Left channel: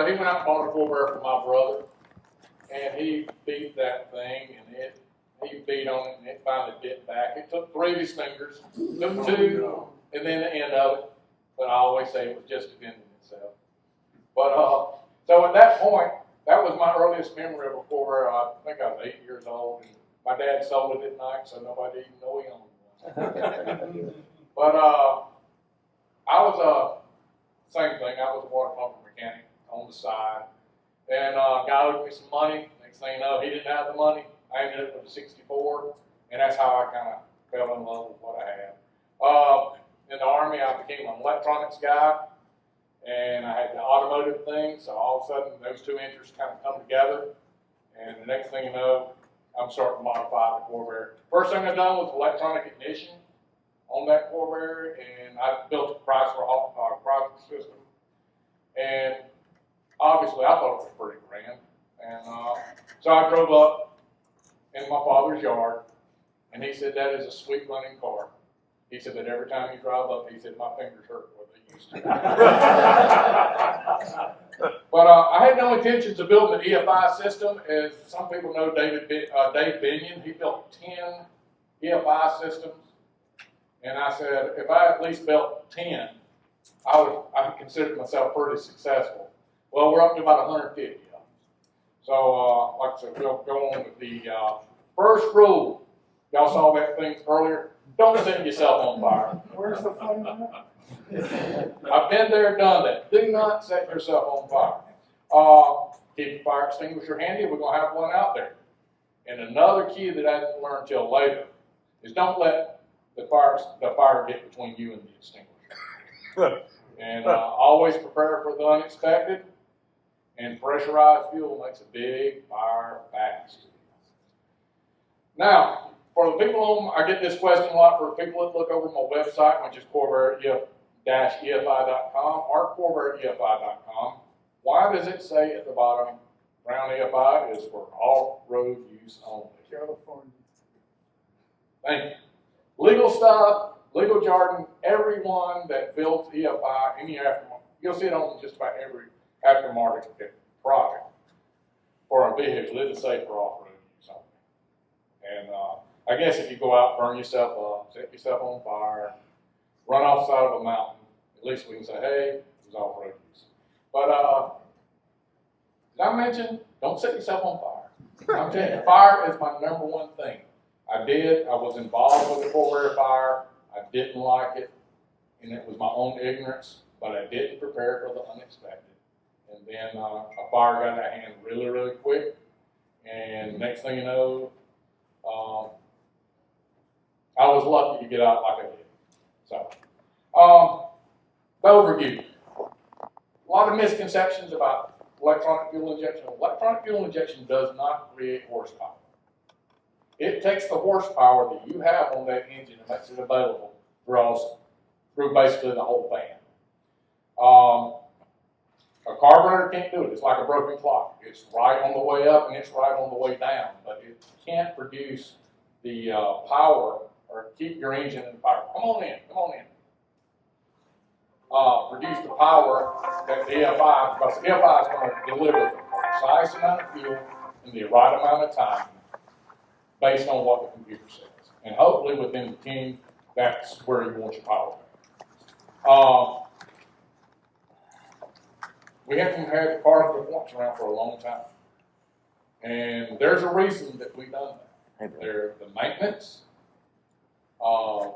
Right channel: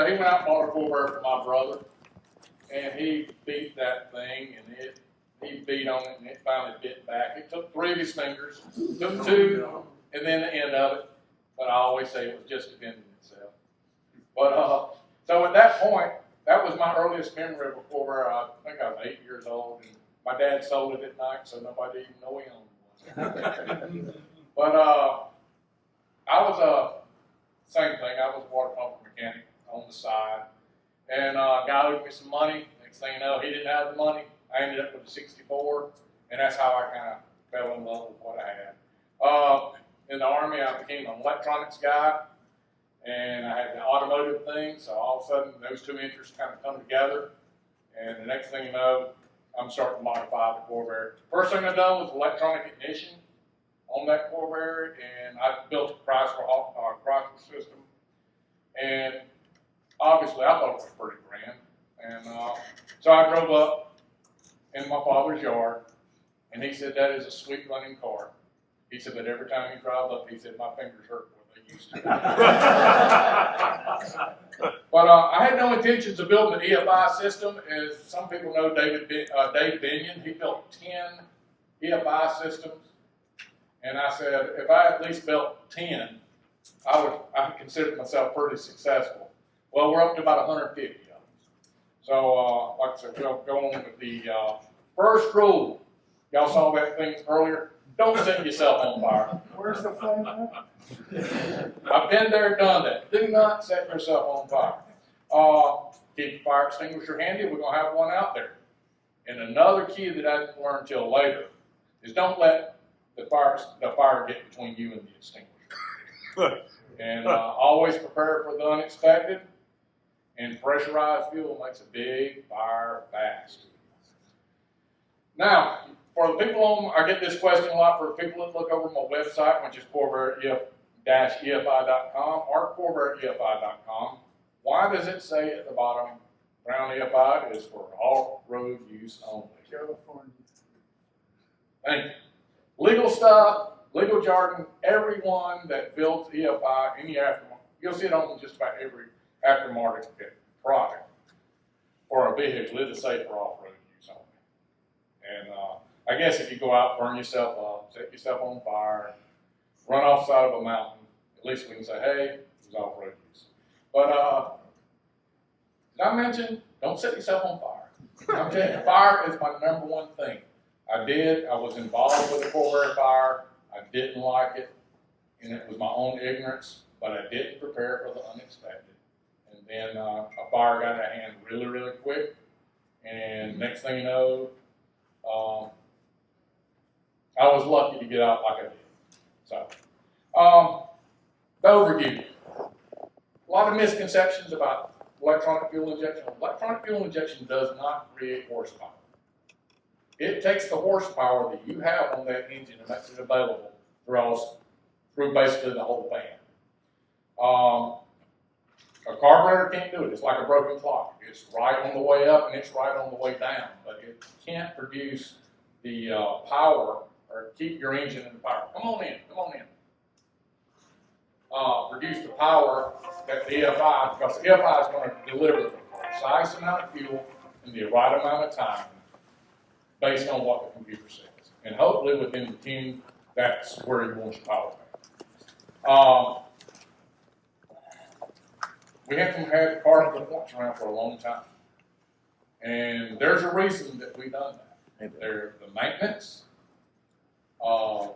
So he went out and bought a Corvair for my brother, and he beat that thing, and he beat on it, and it finally bit back. It took 3 of his fingers, took 2, and then the end of it. But I always say it was just defending itself. But so at that point, that was my earliest memory of a Corvair. I think I was 8 years old, and my dad sold it at night, so nobody even knew he owned one. But I was same thing. I was a water pump mechanic on the side, and a guy owed me some money. Next thing you know, he didn't have the money. I ended up with a 64, and that's how I kind of fell in love with what I had. In the Army, I became an electronics guy, and I had the automotive thing, so all of a sudden those 2 interests kind of come together, and the next thing you know, I'm starting to modify the Corvair. First thing I done was electronic ignition on that Corvair, and I built a Corsa system, and obviously I thought it was pretty grand, and so I drove up in my father's yard, and he said, that is a sweet running car. He said, but every time you drive up, he said, my fingers hurt more than they used to. But I had no intentions of building an EFI system. As some people know, Dave Binion, he built 10 EFI systems. And I said, if I at least built 10, I considered myself pretty successful. Well, we're up to about 150 of them. So, like I said, we'll go on with the first rule. Y'all saw that thing earlier. Don't set yourself on fire. Where's the flame at? I've been there, done that. Do not set yourself on fire. Keep your fire extinguisher handy. We're going to have one out there. And another key that I didn't learn till later is don't let the fire get between you and the extinguisher. And always prepare for the unexpected. And pressurized fuel makes a big fire fast. Now, for the people on, I get this question a lot for people that look over my website, which is Corvair-EFI.com or Corvair-EFI.com. Why does it say at the bottom, Brown EFI is for off-road use only? California. Thank you. Legal stuff, legal jargon, everyone that builds EFI, any aftermarket, you'll see it on just about every aftermarket product for a vehicle. It is safe for off-road use only. And I guess if you go out, burn yourself up, set yourself on fire, run off the side of a mountain, at least we can say, hey, it was off-road use. But did I mention, don't set yourself on fire. I'm telling you, fire is my #1 thing. I was involved with the Corvair fire. I didn't like it, and it was my own ignorance, but I didn't prepare for the unexpected. And then a fire got out of hand really, really quick, and next thing you know, I was lucky to get out like I did. So, the overview. A lot of misconceptions about electronic fuel injection. Electronic fuel injection does not create horsepower. It takes the horsepower that you have on that engine and makes it available through basically the whole band. A carburetor can't do it. It's like a broken clock. It's right on the way up and it's right on the way down, but it can't produce the power or keep your engine in the power. Come on in. Produce the power that the EFI, because the EFI is going to deliver the precise amount of fuel in the right amount of time based on what the computer says. And hopefully within the 10, that's where you want your power back. We haven't had the carbon points around for a long time. And there's a reason that we've done that. They're the maintenance,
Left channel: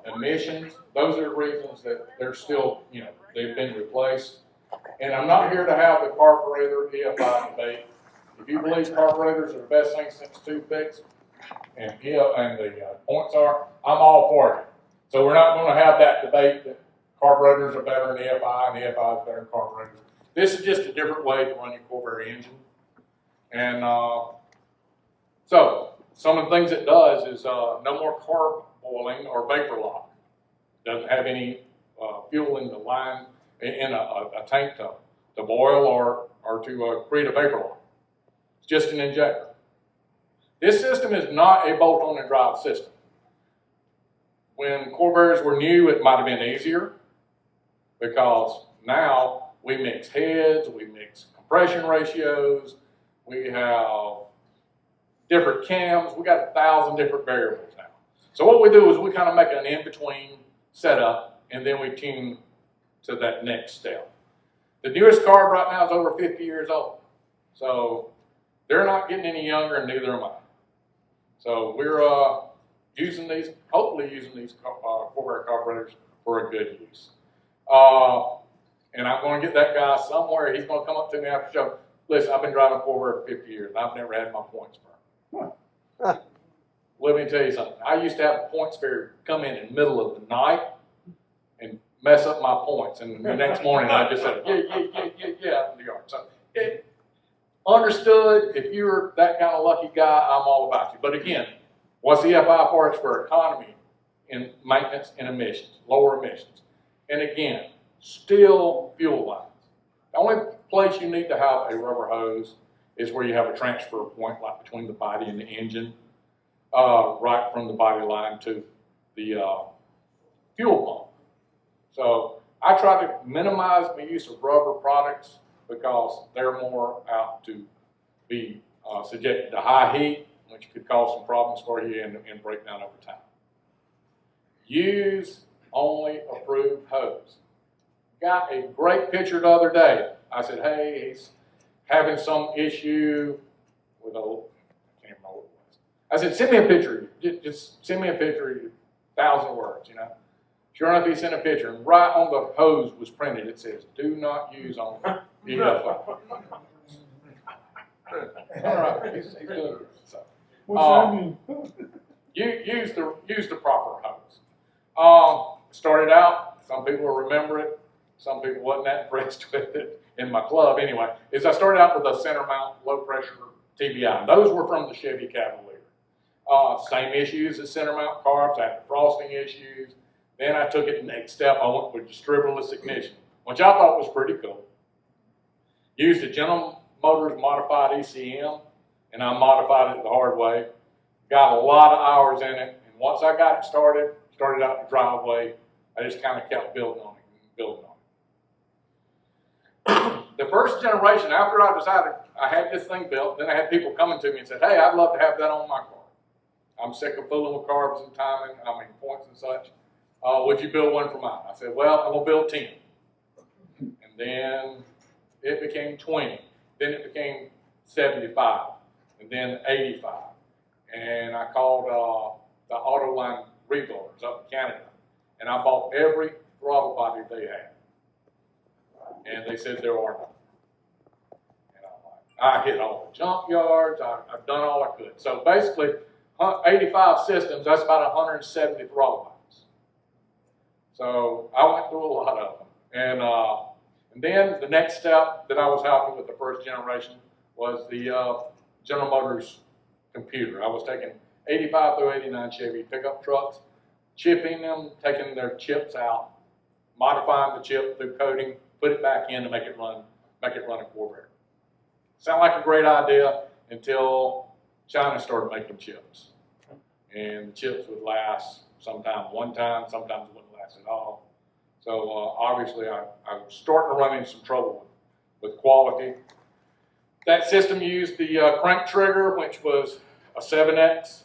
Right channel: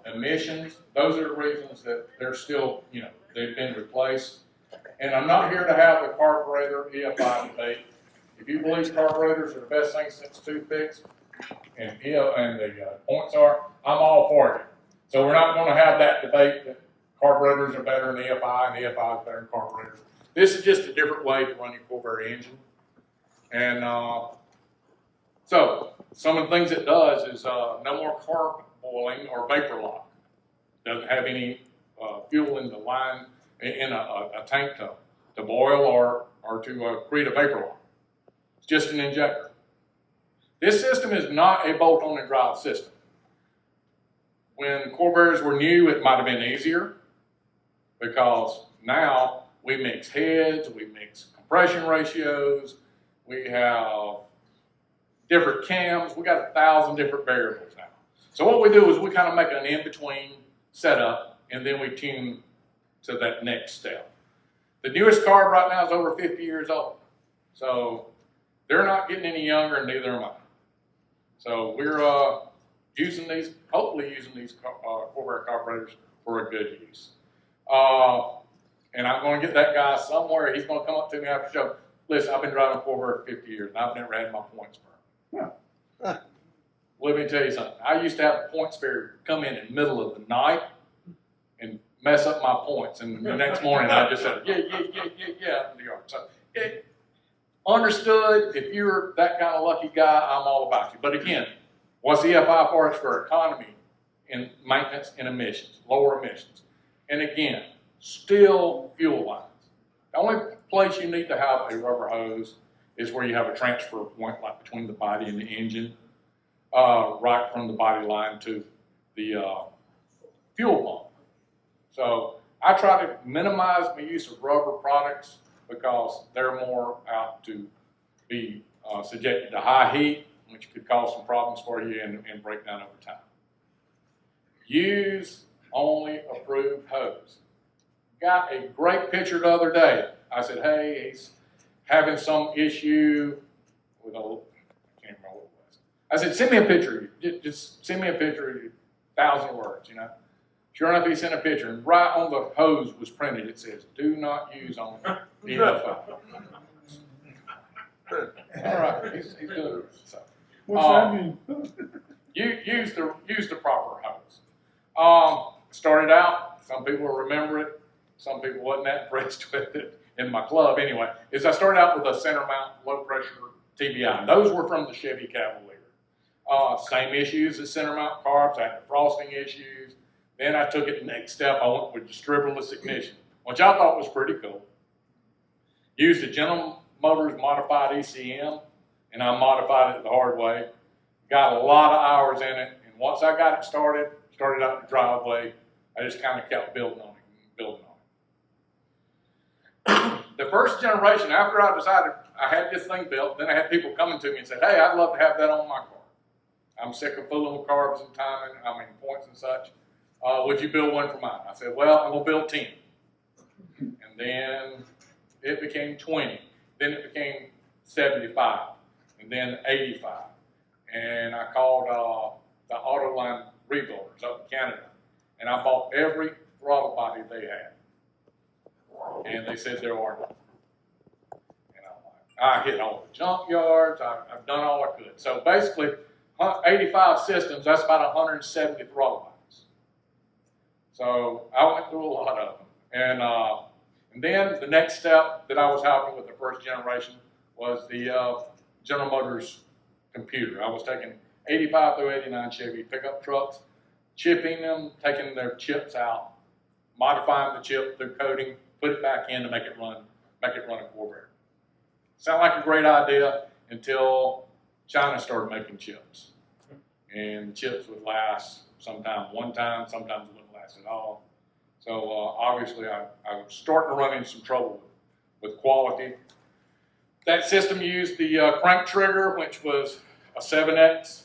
emissions, those are the reasons that they're still, they've been replaced. And I'm not here to have the carburetor EFI debate. If you believe carburetors are the best thing since toothpicks, and the points are, I'm all for it. So we're not going to have that debate that carburetors are better than EFI and EFI is better than carburetors. This is just a different way to run your Corvair engine. And so some of the things it does is no more carb boiling or vapor lock. Doesn't have any fuel in the line in a tank to boil or to create a vapor lock. It's just an injector. This system is not a bolt-on and drive system. When Corvairs were new, it might have been easier because now we mix heads, we mix compression ratios, we have different cams, we got 1,000 different variables now. So what we do is we kind of make an in-between setup, and then we tune to that next step. The newest carb right now is over 50 years old. So they're not getting any younger, and neither am I. So we're using these, hopefully using these Corvair carburetors for a good use. And I'm going to get that guy somewhere. He's going to come up to me after the show. Listen, I've been driving Corvair for 50 years, and I've never had my points burned. Huh. Let me tell you something. I used to have a point spare come in the middle of the night and mess up my points. And the next morning, I just said, yeah, in the yard. So, understood, if you're that kind of lucky guy, I'm all about you. But again, what's EFI for? It's for economy in maintenance and emissions, lower emissions. And again, still fuel lines. The only place you need to have a rubber hose is where you have a transfer point, like between the body and the engine, right from the body line to the fuel pump. So I try to minimize my use of rubber products because they're more apt to be subjected to high heat, which could cause some problems for you and break down over time. Use only approved hose. Got a great picture the other day. I said, hey, he's having some issue with a, I can't remember what it was. I said, send me a picture. Just send me a picture, 1,000 words, you know. Sure enough, he sent a picture, and right on the hose was printed, it says, do not use on EFI. All right, he's doing it. So, What's that mean? use the proper hose. Started out, some people will remember it, some people wasn't that impressed with it in my club anyway, is I started out with a center mount low pressure TBI. Those were from the Chevy Cavalier. Same issues as center mount carbs, I had the frosting issues. Then I took it the next step, I went with distributorless ignition, which I thought was pretty cool. Used the General Motors modified ECM, and I modified it the hard way. Got a lot of hours in it, and once I got it started out in the driveway, I just kind of kept building on it. The first generation, after I decided I had this thing built, then I had people coming to me and said, hey, I'd love to have that on my car. I'm sick of fooling with carbs and timing, points and such. Would you build one for mine? I said, well, I'm going to build 10. And then it became 20. Then it became 75. And then 85. And I called the Autoline rebuilders up in Canada. And I bought every throttle body they had. And they said there are none. And I'm like, I hit all the junk yards. I've done all I could. So basically, 85 systems, that's about 170 throttle bodies. So I went through a lot of them. And then the next step that I was having with the first generation was the General Motors computer. I was taking 85 through 89 Chevy pickup trucks, chipping them, taking their chips out, modifying the chip through coating, put it back in to make it run a Corvair. Sound like a great idea until China started making chips. And the chips would last sometimes one time, sometimes it wouldn't last at all. So obviously I was starting to run into some trouble with quality. That system used the crank trigger, which was a 7X.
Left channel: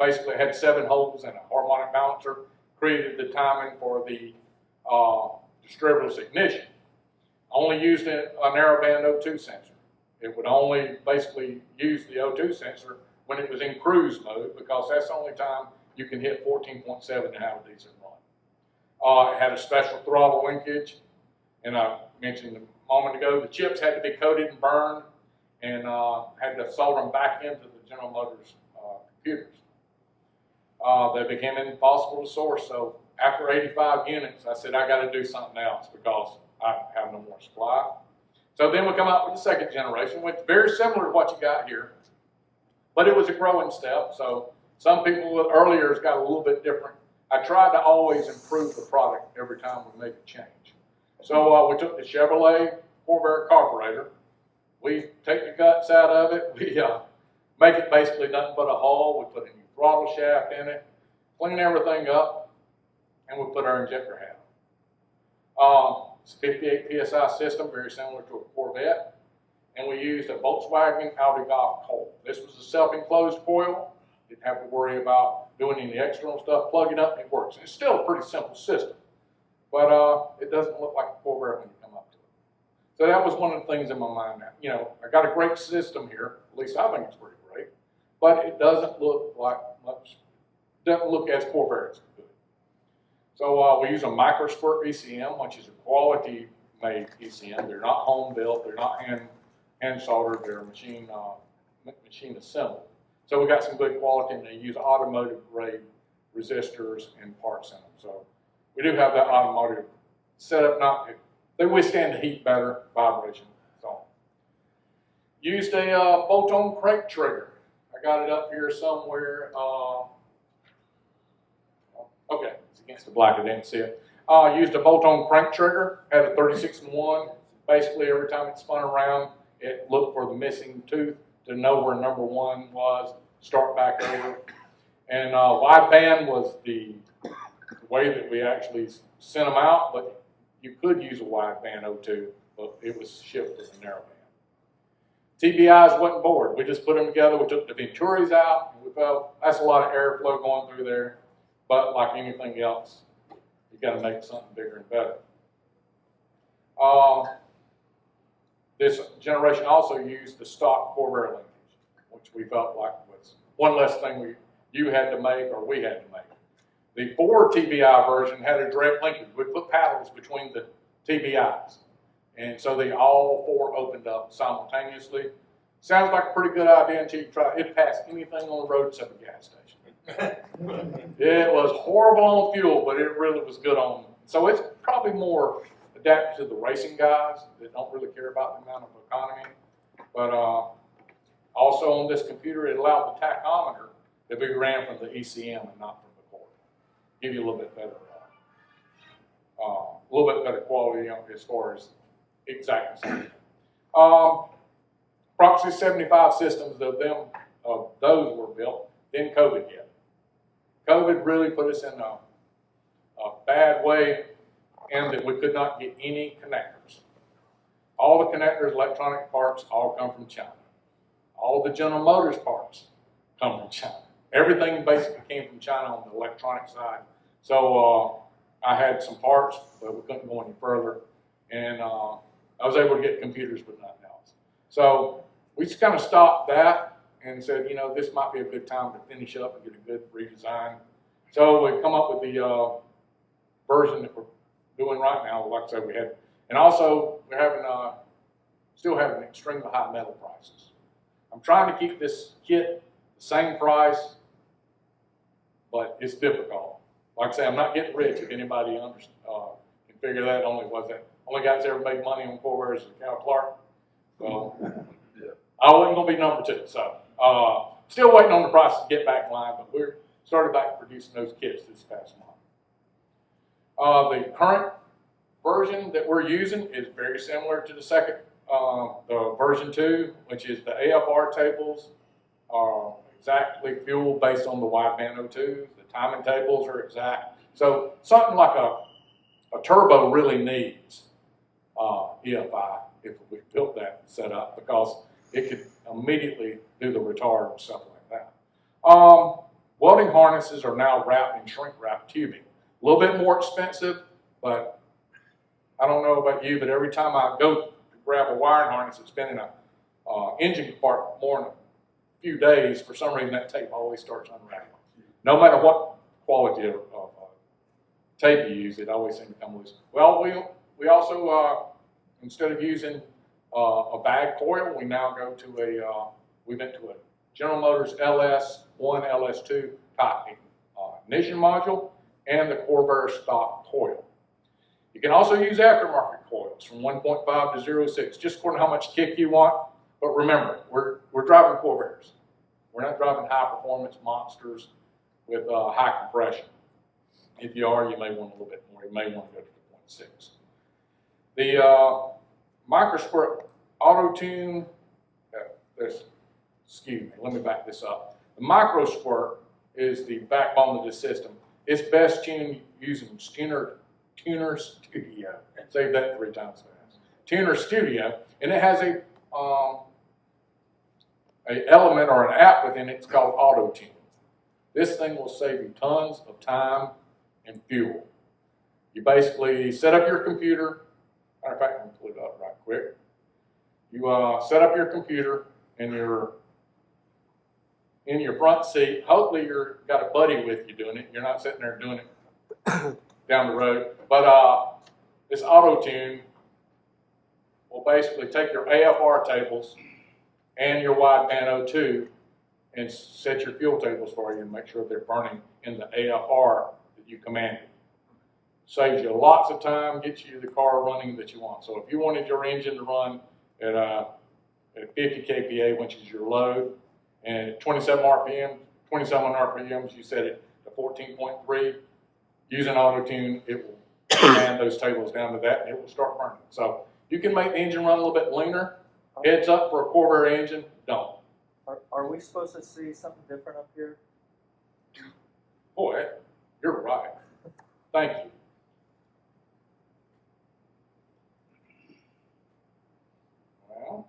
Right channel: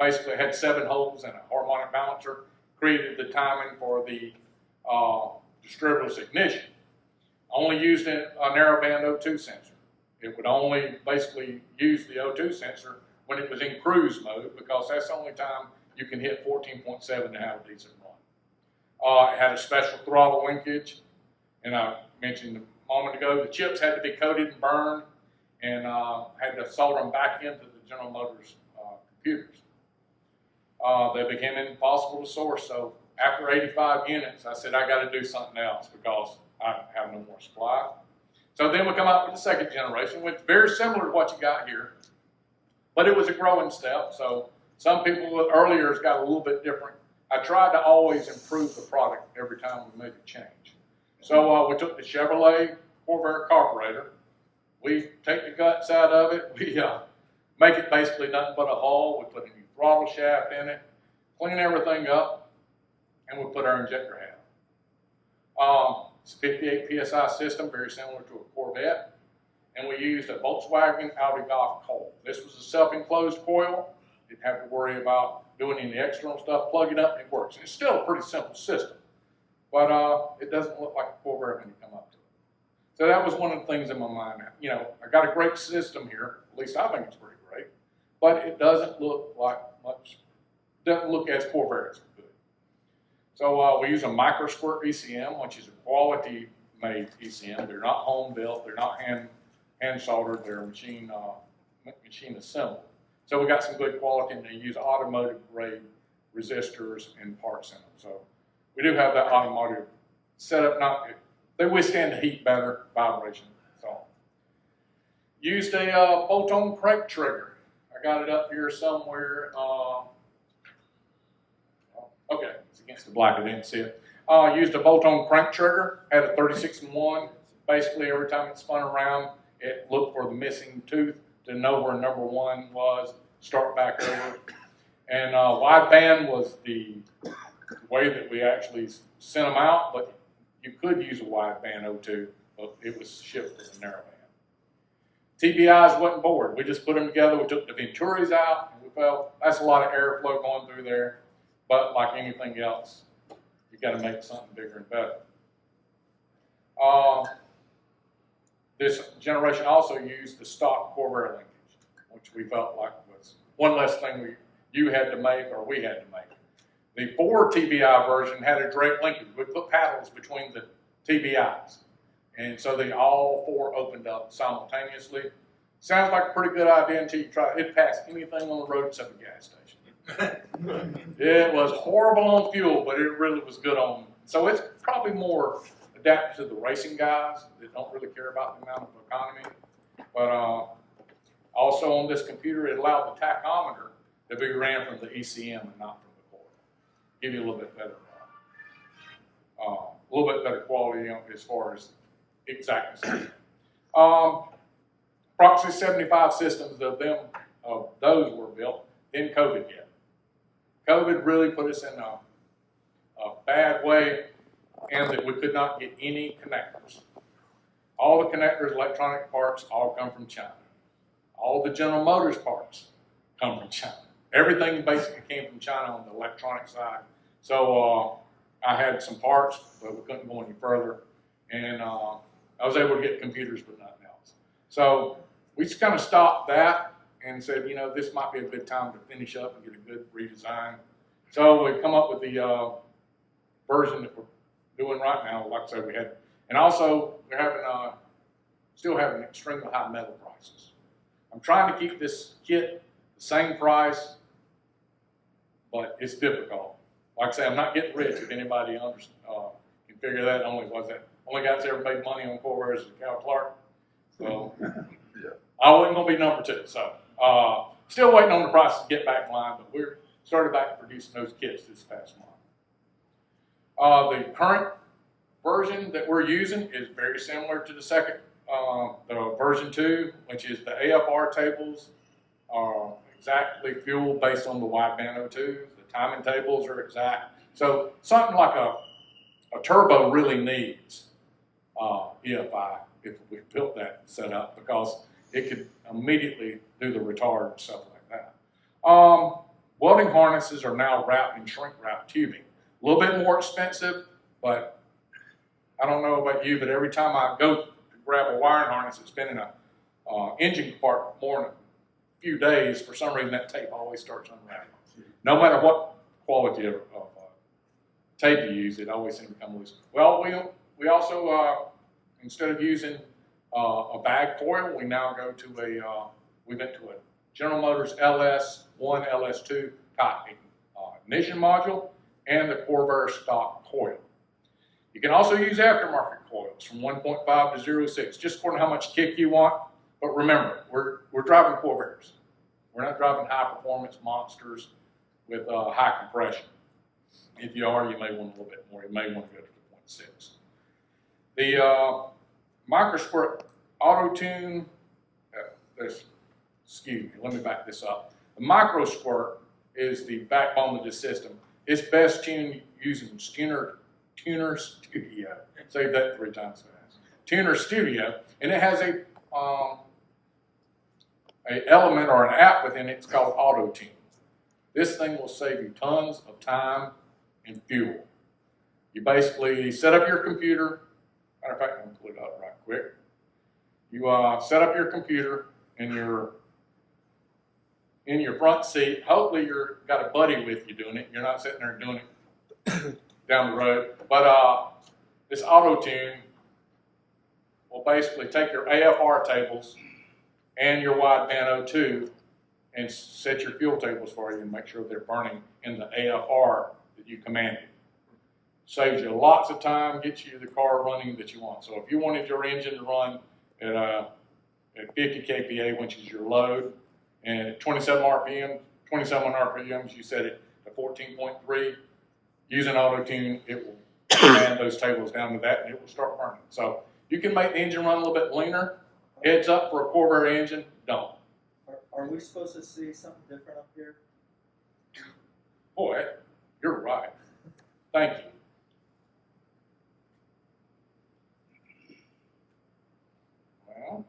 Basically had 7 holes and a harmonic balancer. Created the timing for the distributorless ignition. Only used a narrowband O2 sensor. It would only basically use the O2 sensor when it was in cruise mode, because that's the only time you can hit 14.7 to have a decent run. It had a special throttle linkage, and I mentioned a moment ago, the chips had to be coated and burned, and had to solder them back into the General Motors computers. They became impossible to source, so after 85 units, I said, I got to do something else because I have no more supply. So then we come out with the second generation, which is very similar to what you got here, but it was a growing step. So some people earlier has got a little bit different. I tried to always improve the product every time we made a change. So we took the Chevrolet Corvair carburetor. We take the guts out of it. We make it basically nothing but a hull. We put a new throttle shaft in it, clean everything up, and we put our injector hat. It's a 58 PSI system, very similar to a Corvette. And we used a Volkswagen Audi Golf coil. This was a self-enclosed coil. Didn't have to worry about doing any external stuff. Plug it up and it works. It's still a pretty simple system, but it doesn't look like a Corvette when you come up to it. So that was one of the things in my mind. You know, I got a great system here. At least I think it's pretty great, but it doesn't look like much. Doesn't look as Corvette as it could. So we use a micro squirt ECM, which is a quality made ECM. They're not home built. They're not hand soldered. They're machine assembled. So we got some good quality, and they use automotive grade resistors and parts in them. So we do have that automotive setup. They withstand the heat better, vibration. So used a bolt-on crank trigger. I got it up here somewhere. Okay, it's against the black. I didn't see it. Used a bolt-on crank trigger. Had a 36-in-1. Basically, every time it spun around, it looked for the missing tooth to know where number 1 was, start back over. And wideband was the way that we actually sent them out, but you could use a wideband O2, but it was shipped with a narrow band. TBIs wasn't bored. We just put them together. We took the Venturis out, and we felt that's a lot of airflow going through there. But like anything else, you got to make something bigger and better. This generation also used the stock Corvair linkage, which we felt like was one less thing you had to make or we had to make. The Ford TBI version had a direct linkage. We put paddles between the TBIs. And so they all 4 opened up simultaneously. Sounds like a pretty good idea until you try it. It passed anything on the road except the gas station. It was horrible on fuel, but it really was good on. So it's probably more adapted to the racing guys that don't really care about the amount of economy. But also on this computer, it allowed the tachometer to be ran from the ECM and not from the coil. Give you a little bit better quality as far as exactness. Approximately 75 systems of those were built. Then COVID hit. COVID really put us in a bad way, and that we could not get any connectors. All the connectors, electronic parts, all come from China. All the General Motors parts come from China. Everything basically came from China on the electronic side. So I had some parts, but we couldn't go any further. And I was able to get computers, but nothing else. So we just kind of stopped that and said, you know, this might be a good time to finish up and get a good redesign. So we come up with the version that we're doing right now. Like I said, we had, and also we're having still having extremely high metal prices. I'm trying to keep this kit the same price, but it's difficult. Like I say, I'm not getting rich. If anybody can figure that, only guy that's ever made money on Corvair is Cal Clark. So yeah. I wasn't going to be number 2. So still waiting on the price to get back in line, but we're started back producing those kits this past month. The current version that we're using is very similar to the second, the version 2, which is the AFR tables are exactly fueled based on the wideband O2s. The timing tables are exact. So something like a turbo really needs EFI if we built that setup, because it could immediately do the retard and stuff like that. Welding harnesses are now wrapped in shrink wrap tubing. A little bit more expensive, but I don't know about you, but every time I go to grab a wiring harness that's been in an engine compartment more than a few days, for some reason that tape always starts unraveling. No matter what quality of tape you use, it always seems to come loose. Well, we also, instead of using a bag coil, we now go to we went to a General Motors LS1, LS2 type ignition module and the Corvair stock coil. You can also use aftermarket coils from 1.5 to 0.6, just according to how much kick you want. But remember, we're driving Corvairs. We're not driving high performance monsters with high compression. If you are, you may want a little bit more. You may want to go to the 0.6. The microsquirt auto tune, excuse me, let me back this up. The microsquirt is the backbone of this system. It's best tuned using tuner Tuner Studio. Say that 3 times fast. Tuner Studio, and it has a element or an app within it. It's called Auto Tune. This thing will save you tons of time and fuel. You basically set up your computer. Matter of fact, I'm going to pull it up right quick. You set up your computer and you're in your front seat. Hopefully you've got a buddy with you doing it. You're not sitting there doing it down the road. But this Auto Tune will basically take your AFR tables and your wideband O2 and set your fuel tables for you and make sure they're burning in the AFR that you commanded. Saves you lots of time, gets you the car running that you want. So if you wanted your engine to run at 50 kPa, which is your load, and at 27 RPMs, you set it to 14.3. Using Auto Tune, it will command those tables down to that, and it will start burning. So you can make the engine run a little bit leaner. Heads up for a Corvair engine, don't. Are we supposed to see something different up here? Boy, you're right. Thank you. Well,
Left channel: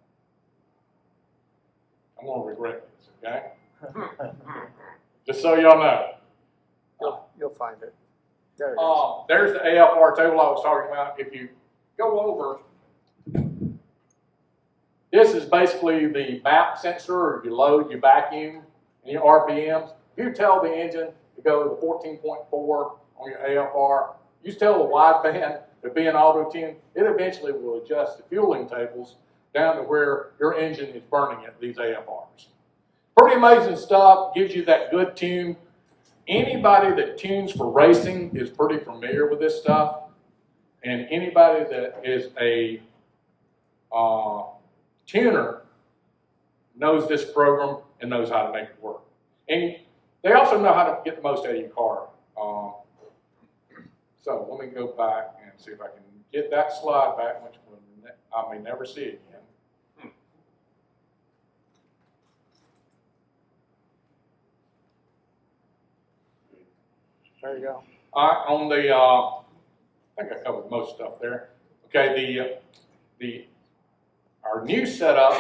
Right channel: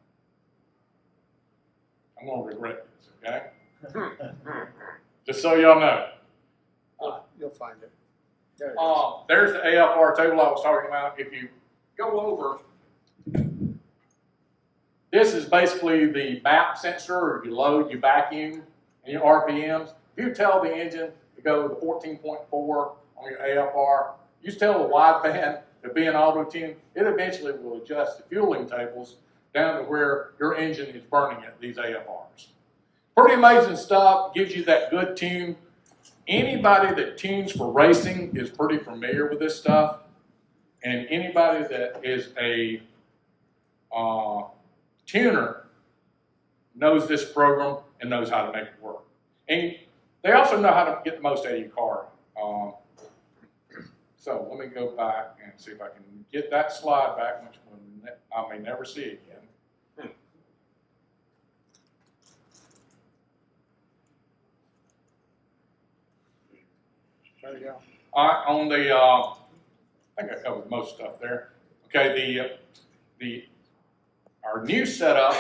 I'm going to regret this, okay? Just so y'all know. You'll find it. There it is. There's the AFR table I was talking about. If you go over, this is basically the map sensor, or you load, you vacuum, and your RPMs. If you tell the engine to go to 14.4 on your AFR, you tell the wideband to be an Auto Tune, it eventually will adjust the fueling tables down to where your engine is burning at these AFRs. Pretty amazing stuff, gives you that good tune. Anybody that tunes for racing is pretty familiar with this stuff, and anybody that is a tuner knows this program and knows how to make it work. And they also know how to get the most out of your car. So let me go back and see if I can get that slide back, which I may never see again. There you go. All right, on the, I think I covered most stuff there. Okay, our new setup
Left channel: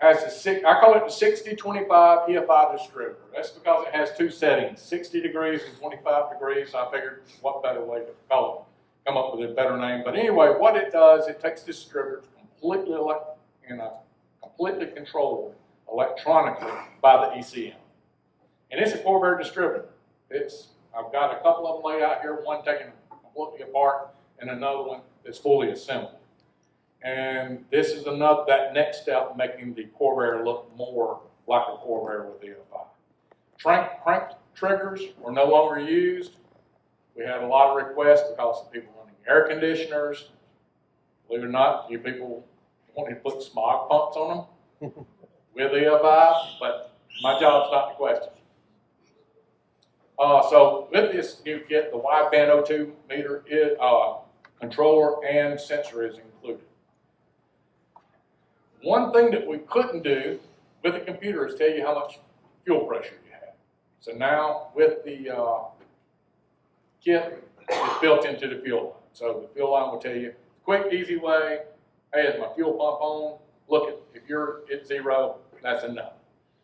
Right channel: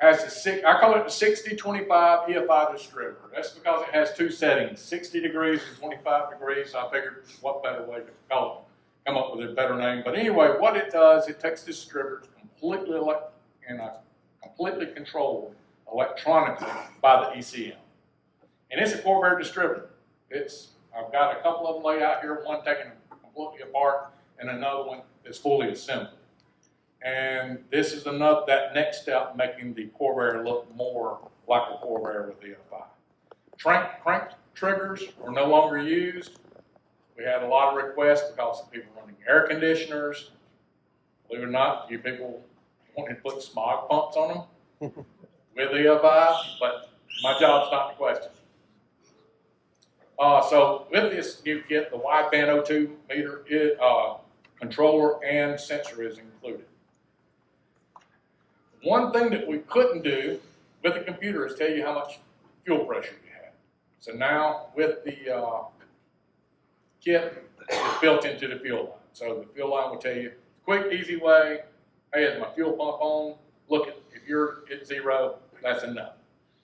has I call it the 60-25 EFI distributor. That's because it has 2 settings, 60 degrees and 25 degrees. So I figured what better way to call it, come up with a better name. But anyway, what it does, it takes this distributor completely controlled electronically by the ECM. And it's a Corvair distributor. I've got a couple of them laid out here, one taken completely apart and another one that's fully assembled. And this is that next step, making the Corvair look more like a Corvair with EFI. Crank triggers are no longer used. We had a lot of requests because of people running air conditioners. Believe it or not, you people wanted to put smog pumps on them with EFI, but my job's not the question. So with this, you get the wideband O2 meter, controller, and sensor is included. One thing that we couldn't do with the computer is tell you how much fuel pressure you have. So now with the kit, it's built into the fuel line. So the fuel line will tell you, quick, easy way, hey, is my fuel pump on? Look, if you're at 0, that's enough.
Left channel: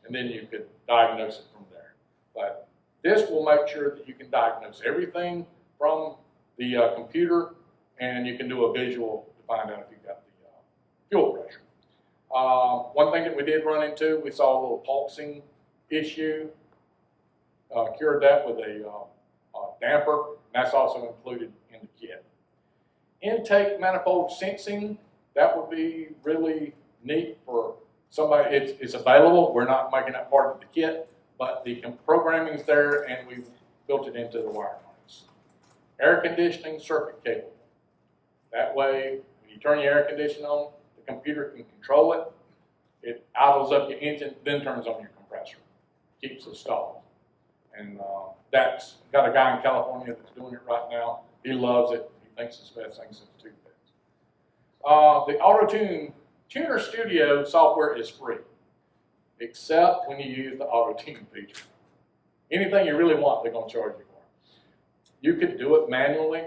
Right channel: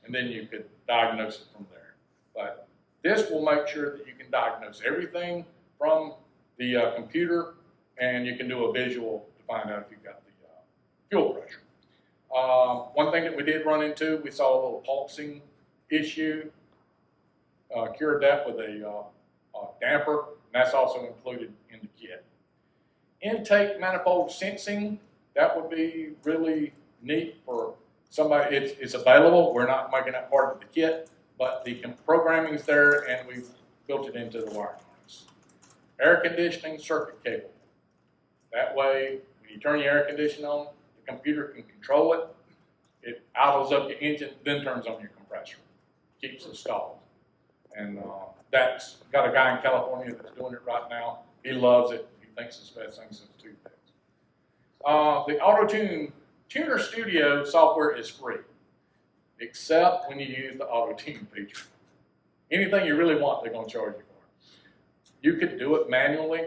And then you could diagnose it from there. But this will make sure that you can diagnose everything from the computer, and you can do a visual to find out if you've got the fuel pressure. One thing that we did run into, we saw a little pulsing issue. Cured that with a damper, and that's also included in the kit. Intake manifold sensing, that would be really neat for somebody. It's available. We're not making that part of the kit, but the programming is there, and we've built it into the wiring harness. Air conditioning circuit cable. That way, when you turn your air conditioning on, the computer can control it. It idles up your engine, then turns on your compressor. Keeps it stalled. And that's got a guy in California that's doing it right now. He loves it. He thinks it's the best thing since toothpicks. The Auto Tuner Studio software is free, except when you use the Auto Tune feature. Anything you really want, they're going to charge you for. You could do it manually,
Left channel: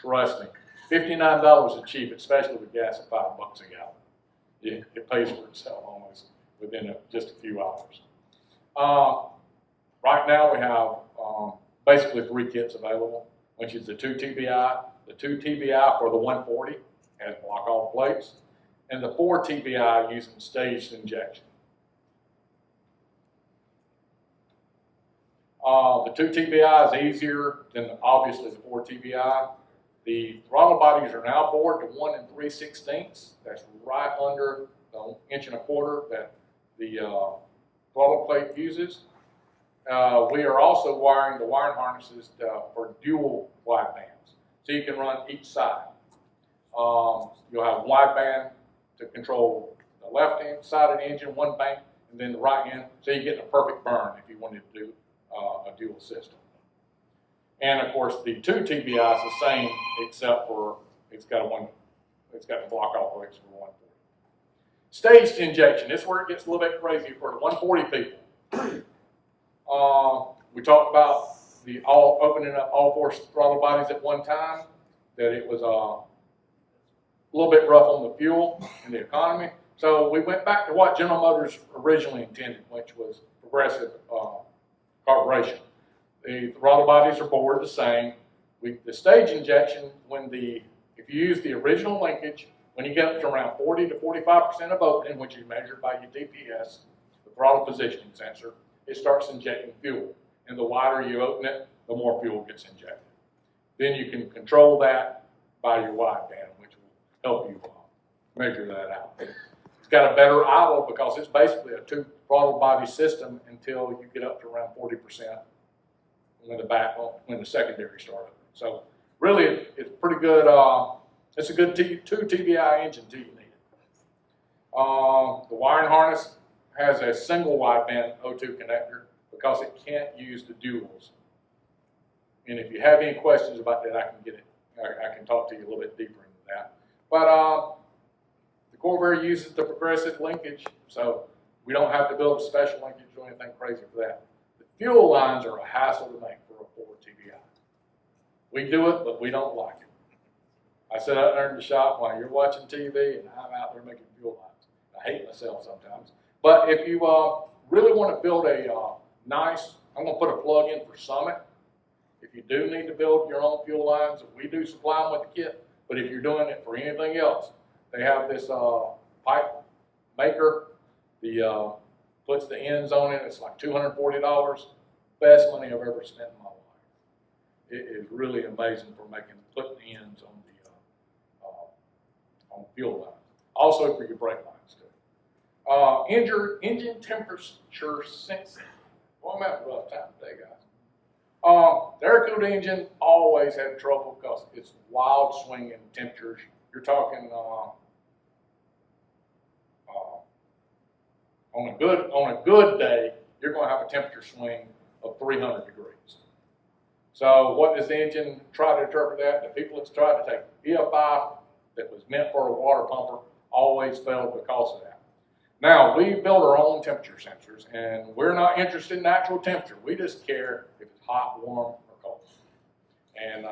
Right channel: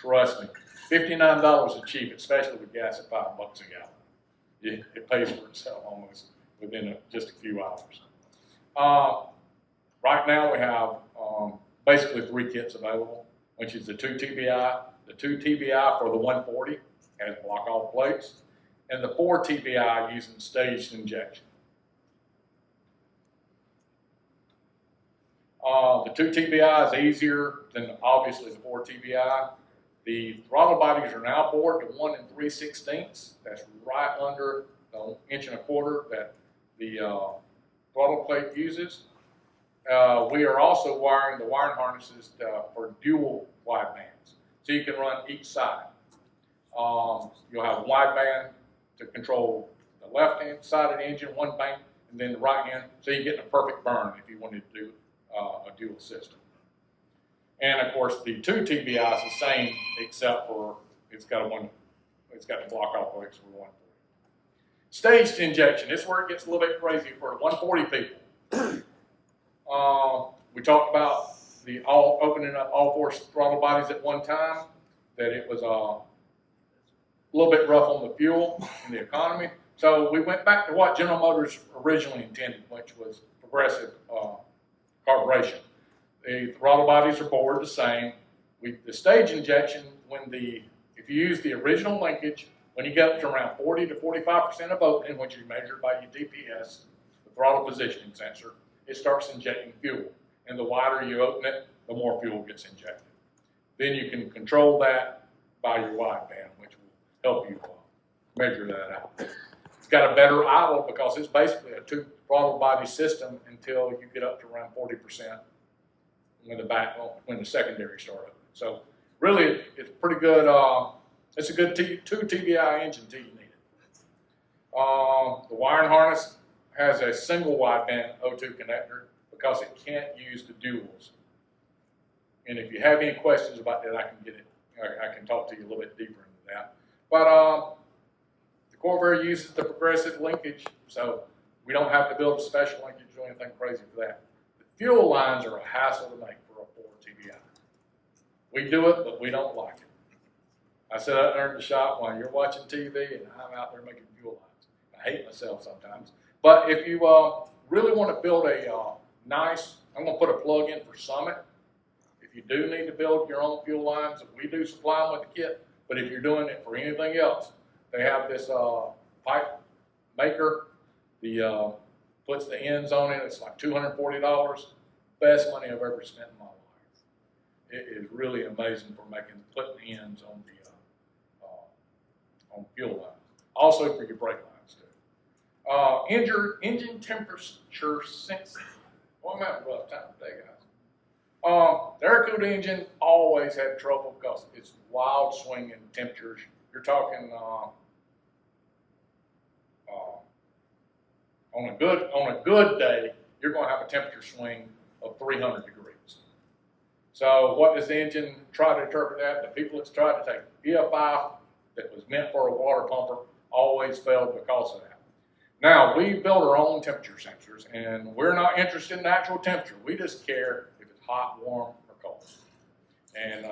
Trust me, $59 is cheap, especially with gas at $5 a gallon. It pays for itself almost within just a few hours. Right now we have basically 3 kits available, which is the 2 TBI, the 2 TBI for the 140 has block-off plates, and the 4 TBI using staged injection. The 2 TBI is easier than obviously the 4 TBI. The throttle bodies are now bored to 1 3/16. That's right under the 1 1/4 that the throttle plate uses. We are also wiring the wiring harnesses for dual widebands, so you can run each side. You'll have wideband to control the left-hand side of the engine, one bank, and then the right hand, so you get a perfect burn if you wanted to do a dual system. And of course, the 2 TBI is the same, except for it's got the block-off plates for the 140. Staged injection. This is where it gets a little bit crazy for the 140 people. We talked about opening up all 4 throttle bodies at one time. That it was a little bit rough on the fuel and the economy. So we went back to what General Motors originally intended, which was progressive carburation. The throttle bodies are bored the same. The stage injection, if you use the original linkage, when you get up to around 40 to 45% of opening, which is measured by your DPS, the throttle positioning sensor, it starts injecting fuel. And the wider you open it, the more fuel gets injected. Then you can control that by your wideband, which will help you measure that out. It's got a better idle because it's basically a 2 throttle body system until you get up to around 40% when the secondary start up. So really, it's pretty good. It's a good 2 TBI engine till you need it. The wiring harness has a single wideband O2 connector because it can't use the duals. And if you have any questions about that, I can talk to you a little bit deeper into that. But the Corvair uses the progressive linkage, so we don't have to build a special linkage or anything crazy for that. The fuel lines are a hassle to make for a 4 TBI. We do it, but we don't like it. I sit out there in the shop while you're watching TV, and I'm out there making fuel lines. I hate myself sometimes. But if you really want to build a nice, I'm going to put a plug in for Summit. If you do need to build your own fuel lines, we do supply them with the kit. But if you're doing it for anything else, they have this pipe maker. Puts the ends on it. It's like $240. Best money I've ever spent in my life. It is really amazing for putting ends on the on fuel lines. Also for your brake lines too. Engine temperature sensing. Well, I'm having a rough time today, guys. The air-cooled engine always had trouble because it's wild swinging temperatures. You're talking on a good day, you're going to have a temperature swing of 300 degrees. So what does the engine try to interpret that? The people that's tried to take EFI that was meant for a water pumper always failed because of that. Now, we build our own temperature sensors, and we're not interested in actual temperature. We just care if it's hot, warm, or cold. And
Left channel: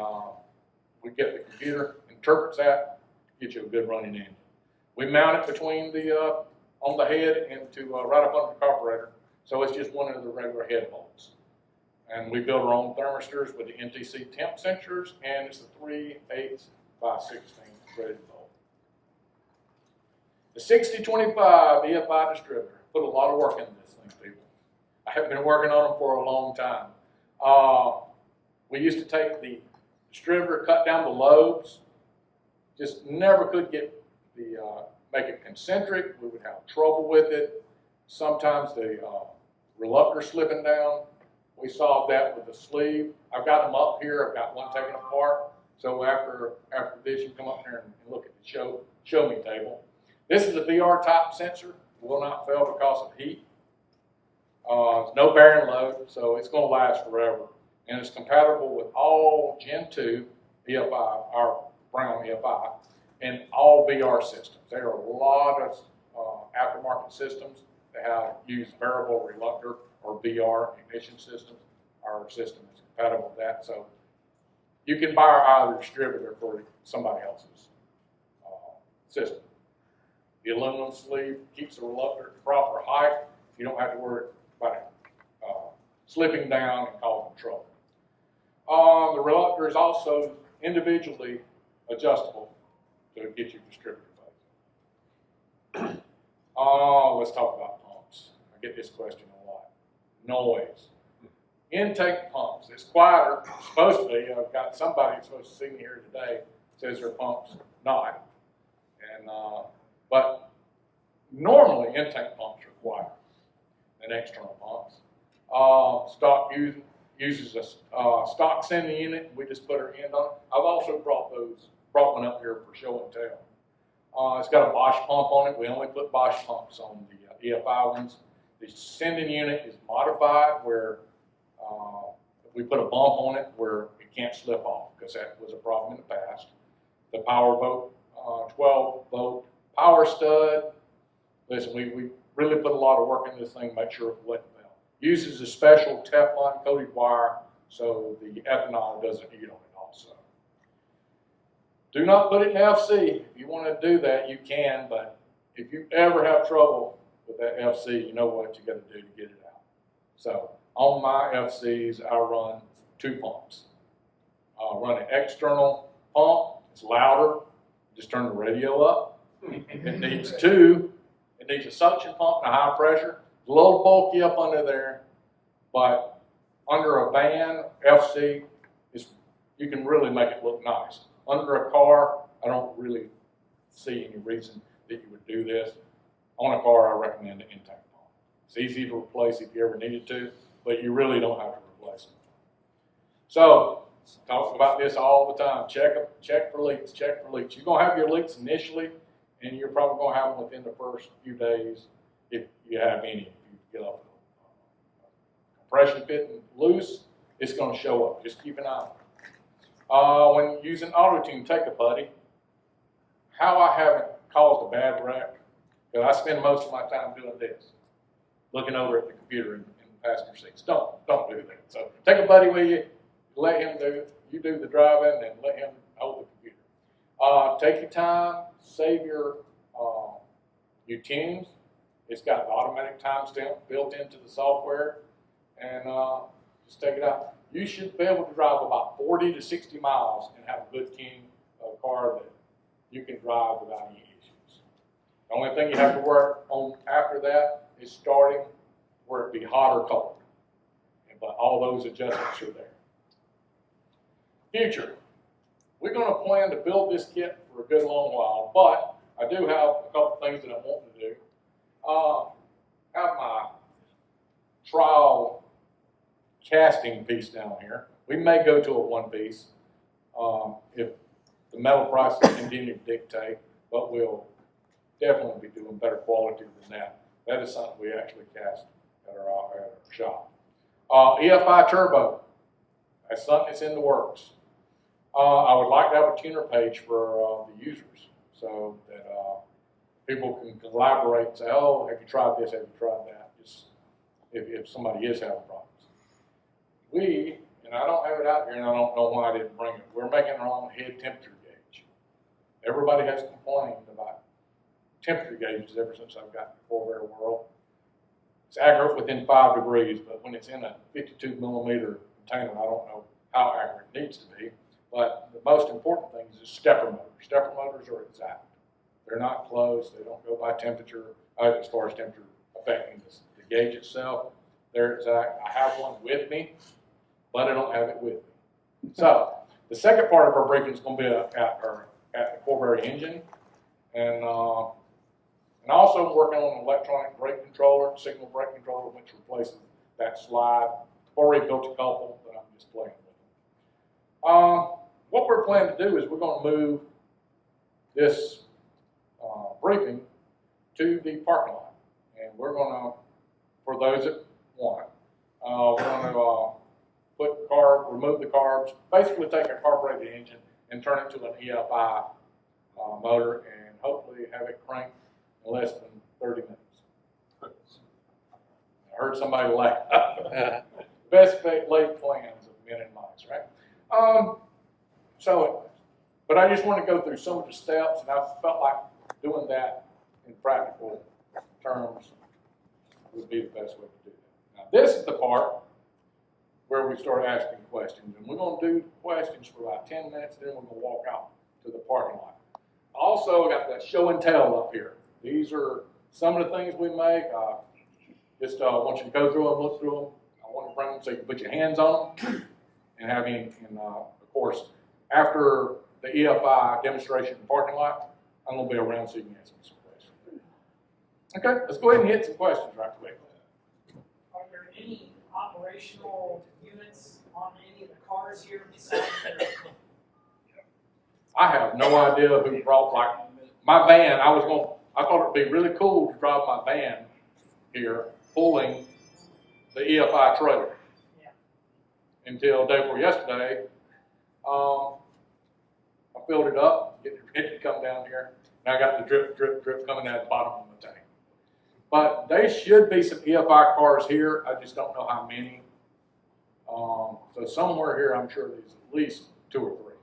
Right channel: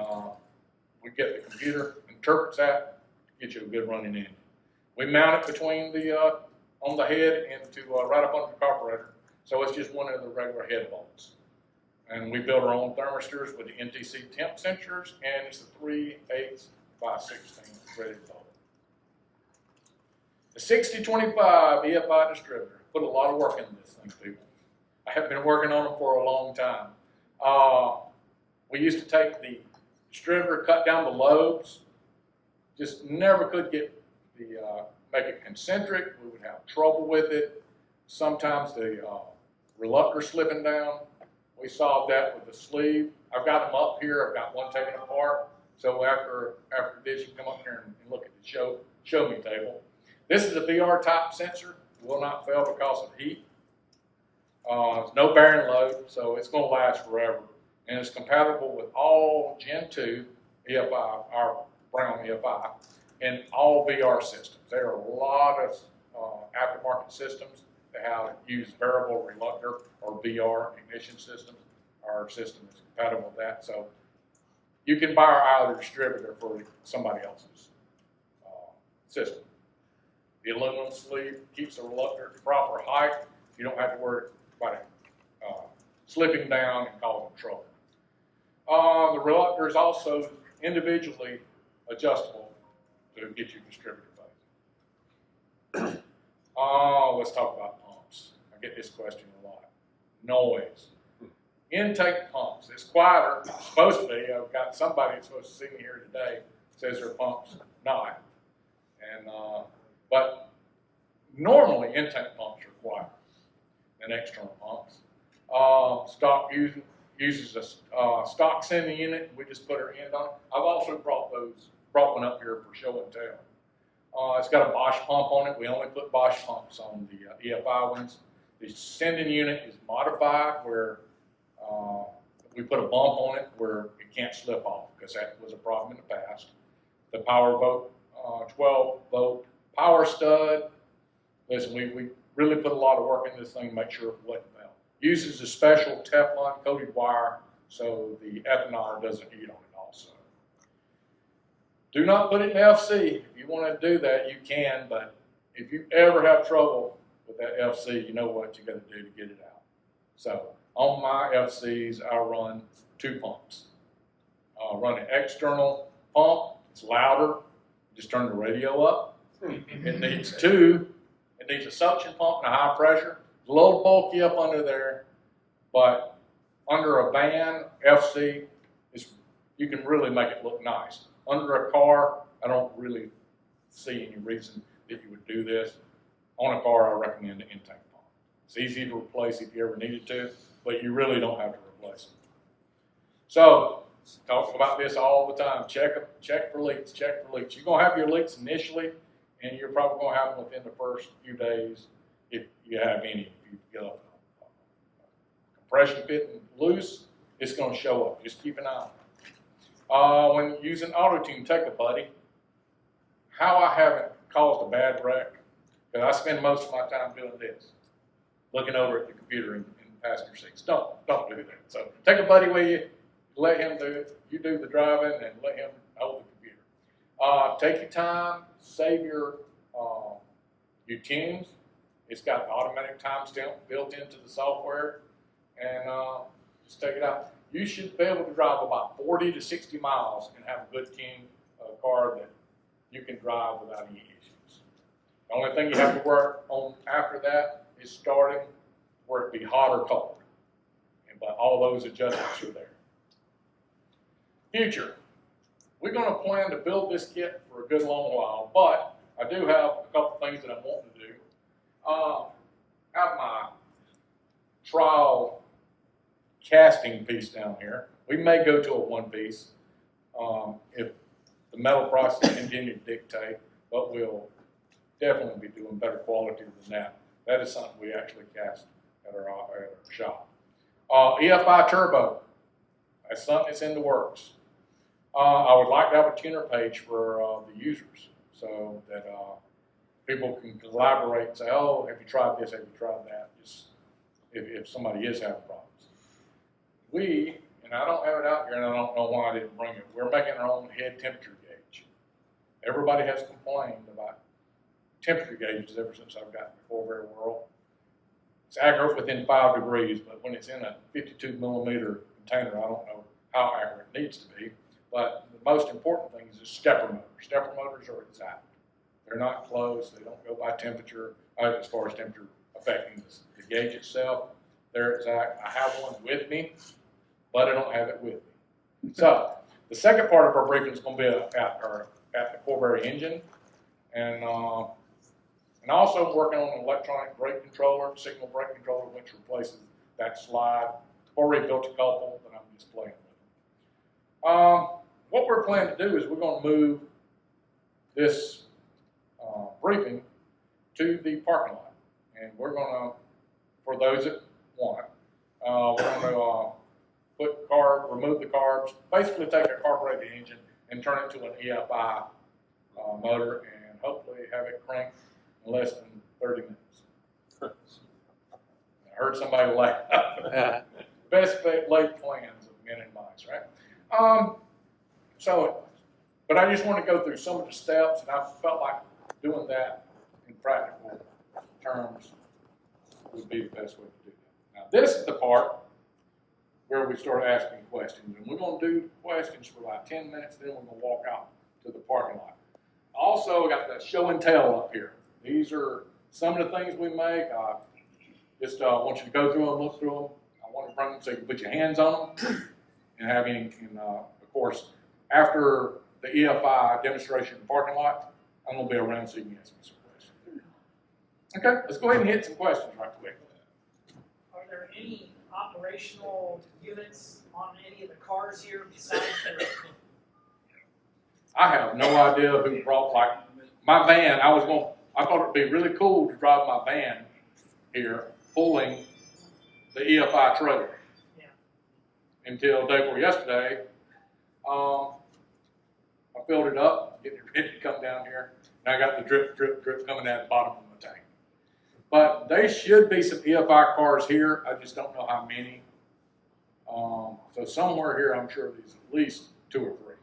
we get the computer, interprets that, get you a good running engine. We mount it between on the head and right up under the carburetor, so it's just one of the regular head bolts. And we build our own thermistors with the NTC temp sensors, and it's a 3/8 by 16 threaded bolt. The 6025 EFI distributor. Put a lot of work into this thing, people. I have been working on them for a long time. We used to take the distributor, cut down the lobes, just never could get make it concentric. We would have trouble with it. Sometimes the reluctor slipping down. We solved that with the sleeve. I've got them up here. I've got one taken apart. So after this, you come up here and look at the show me table. This is a VR type sensor. Will not fail because of heat. It's no bearing load, so it's going to last forever. And it's compatible with all Gen 2 EFI, our Brown EFI, and all VR systems. There are a lot of aftermarket systems that use variable reluctor or VR ignition systems. Our system is compatible with that. So you can buy our distributor for somebody else's system. The aluminum sleeve keeps the reluctor at the proper height. You don't have to worry about it slipping down and causing trouble. The reluctor is also individually adjustable to get your distributor phase. Let's talk about pumps. I get this question a lot. Noise. Intake pumps. It's quieter. It's supposed to be. I've got somebody that's supposed to see me here today says their pump's not. And but normally intake pumps are quieter than external pumps. Stock uses a stock sending unit. We just put our end on it. I've also brought one up here for show and tell. It's got a Bosch pump on it. We only put Bosch pumps on the EFI ones. The sending unit is modified where we put a bump on it where it can't slip off because that was a problem in the past. The power volt, 12 volt power stud. Listen, we really put a lot of work into this thing to make sure it wouldn't melt. Uses a special Teflon coated wire so the ethanol doesn't heat on it also. Do not put it in FC. If you want to do that, you can, but if you ever have trouble with that FC, you know what you got to do to get it out. So on my FCs, I run 2 pumps. I run an external pump. It's louder. Just turn the radio up. It needs 2. It needs a suction pump and a high pressure. It's a little bulky up under there, but under a van, FC, you can really make it look nice. Under a car, I don't really see any reason that you would do this. On a car, I recommend the intake pump. It's easy to replace if you ever needed to, but you really don't have to replace it. So, talk about this all the time. Check for leaks, check for leaks. You're going to have your leaks initially, and you're probably going to have them within the first few days if you have any. If you get a compression fitting loose, it's going to show up. Just keep an eye on it. When using auto-tune, take a buddy. How I haven't caused a bad wreck, because I spend most of my time doing this, looking over at the computer in the passenger seats. Don't do that. So take a buddy with you, let him do it. You do the driving and let him hold the computer. Take your time, save your tunes. It's got the automatic timestamp built into the software, and just take it out. You should be able to drive about 40 to 60 miles and have a good tune car that you can drive without any issues. The only thing you have to work on after that is starting where it be hot or cold. But all those adjustments are there. Future. We're going to plan to build this kit for a good long while, but I do have a couple things that I want to do. Have my trial casting piece down here. We may go to a 1-piece if the metal prices continue to dictate, but we'll definitely be doing better quality than that. That is something we actually cast at our shop. EFI turbo. That's something that's in the works. I would like to have a tuner page for the users so that people can collaborate and say, oh, have you tried this, have you tried that, just if somebody is having problems. And I don't have it out here and I don't know why I didn't bring it, we're making our own head temperature gauge. Everybody has complained about temperature gauges ever since I've gotten the Corvair world. It's accurate within 5 degrees, but when it's in a 52 millimeter container, I don't know how accurate it needs to be. But the most important thing is stepper motors. Stepper motors are exact. They're not closed. They don't go by temperature, as far as temperature affecting the gauge itself. They're exact. I have one with me, but I don't have it with me. So the second part of our briefing is going to be at the Corvair engine, and also working on an electronic brake controller, signal brake controller, which replaces that slide. Already built a couple, but I'm just playing with them. What we're planning to do is we're going to move this briefing to the parking lot, and we're going to, for those that want, we're going to remove the carbs, basically take a carbureted engine and turn it to an EFI motor, and hopefully have it cranked in less than 30 minutes. I heard somebody laugh. Best laid plans of men and mice, right? So, but I just want to go through some of the steps, and I felt like doing that in practical terms would be the best way to do that. Now, this is the part where we start asking questions, and we're going to do questions for like 10 minutes, then we're going to walk out to the parking lot. Also, I got the show and tell up here. These are some of the things we make. Just want you to go through them, look through them. I want to bring them so you can put your hands on them and have you in, of course, after the EFI demonstration in the parking lot, I'm going to be around so you can answer some questions. Okay, let's go ahead and hit some questions right quick. Are there any operational units on any of the cars here besides the? I have no idea who brought, like, my van. I thought it'd be really cool to drive my van here pulling the EFI trailer. Yeah. Until day before yesterday, I filled it up, getting it ready to come down here. Now I got the drip, drip, drip coming out the bottom of the tank. But there should be some EFI cars here. I just don't know how many. So somewhere here, I'm sure there's at least 2 or 3.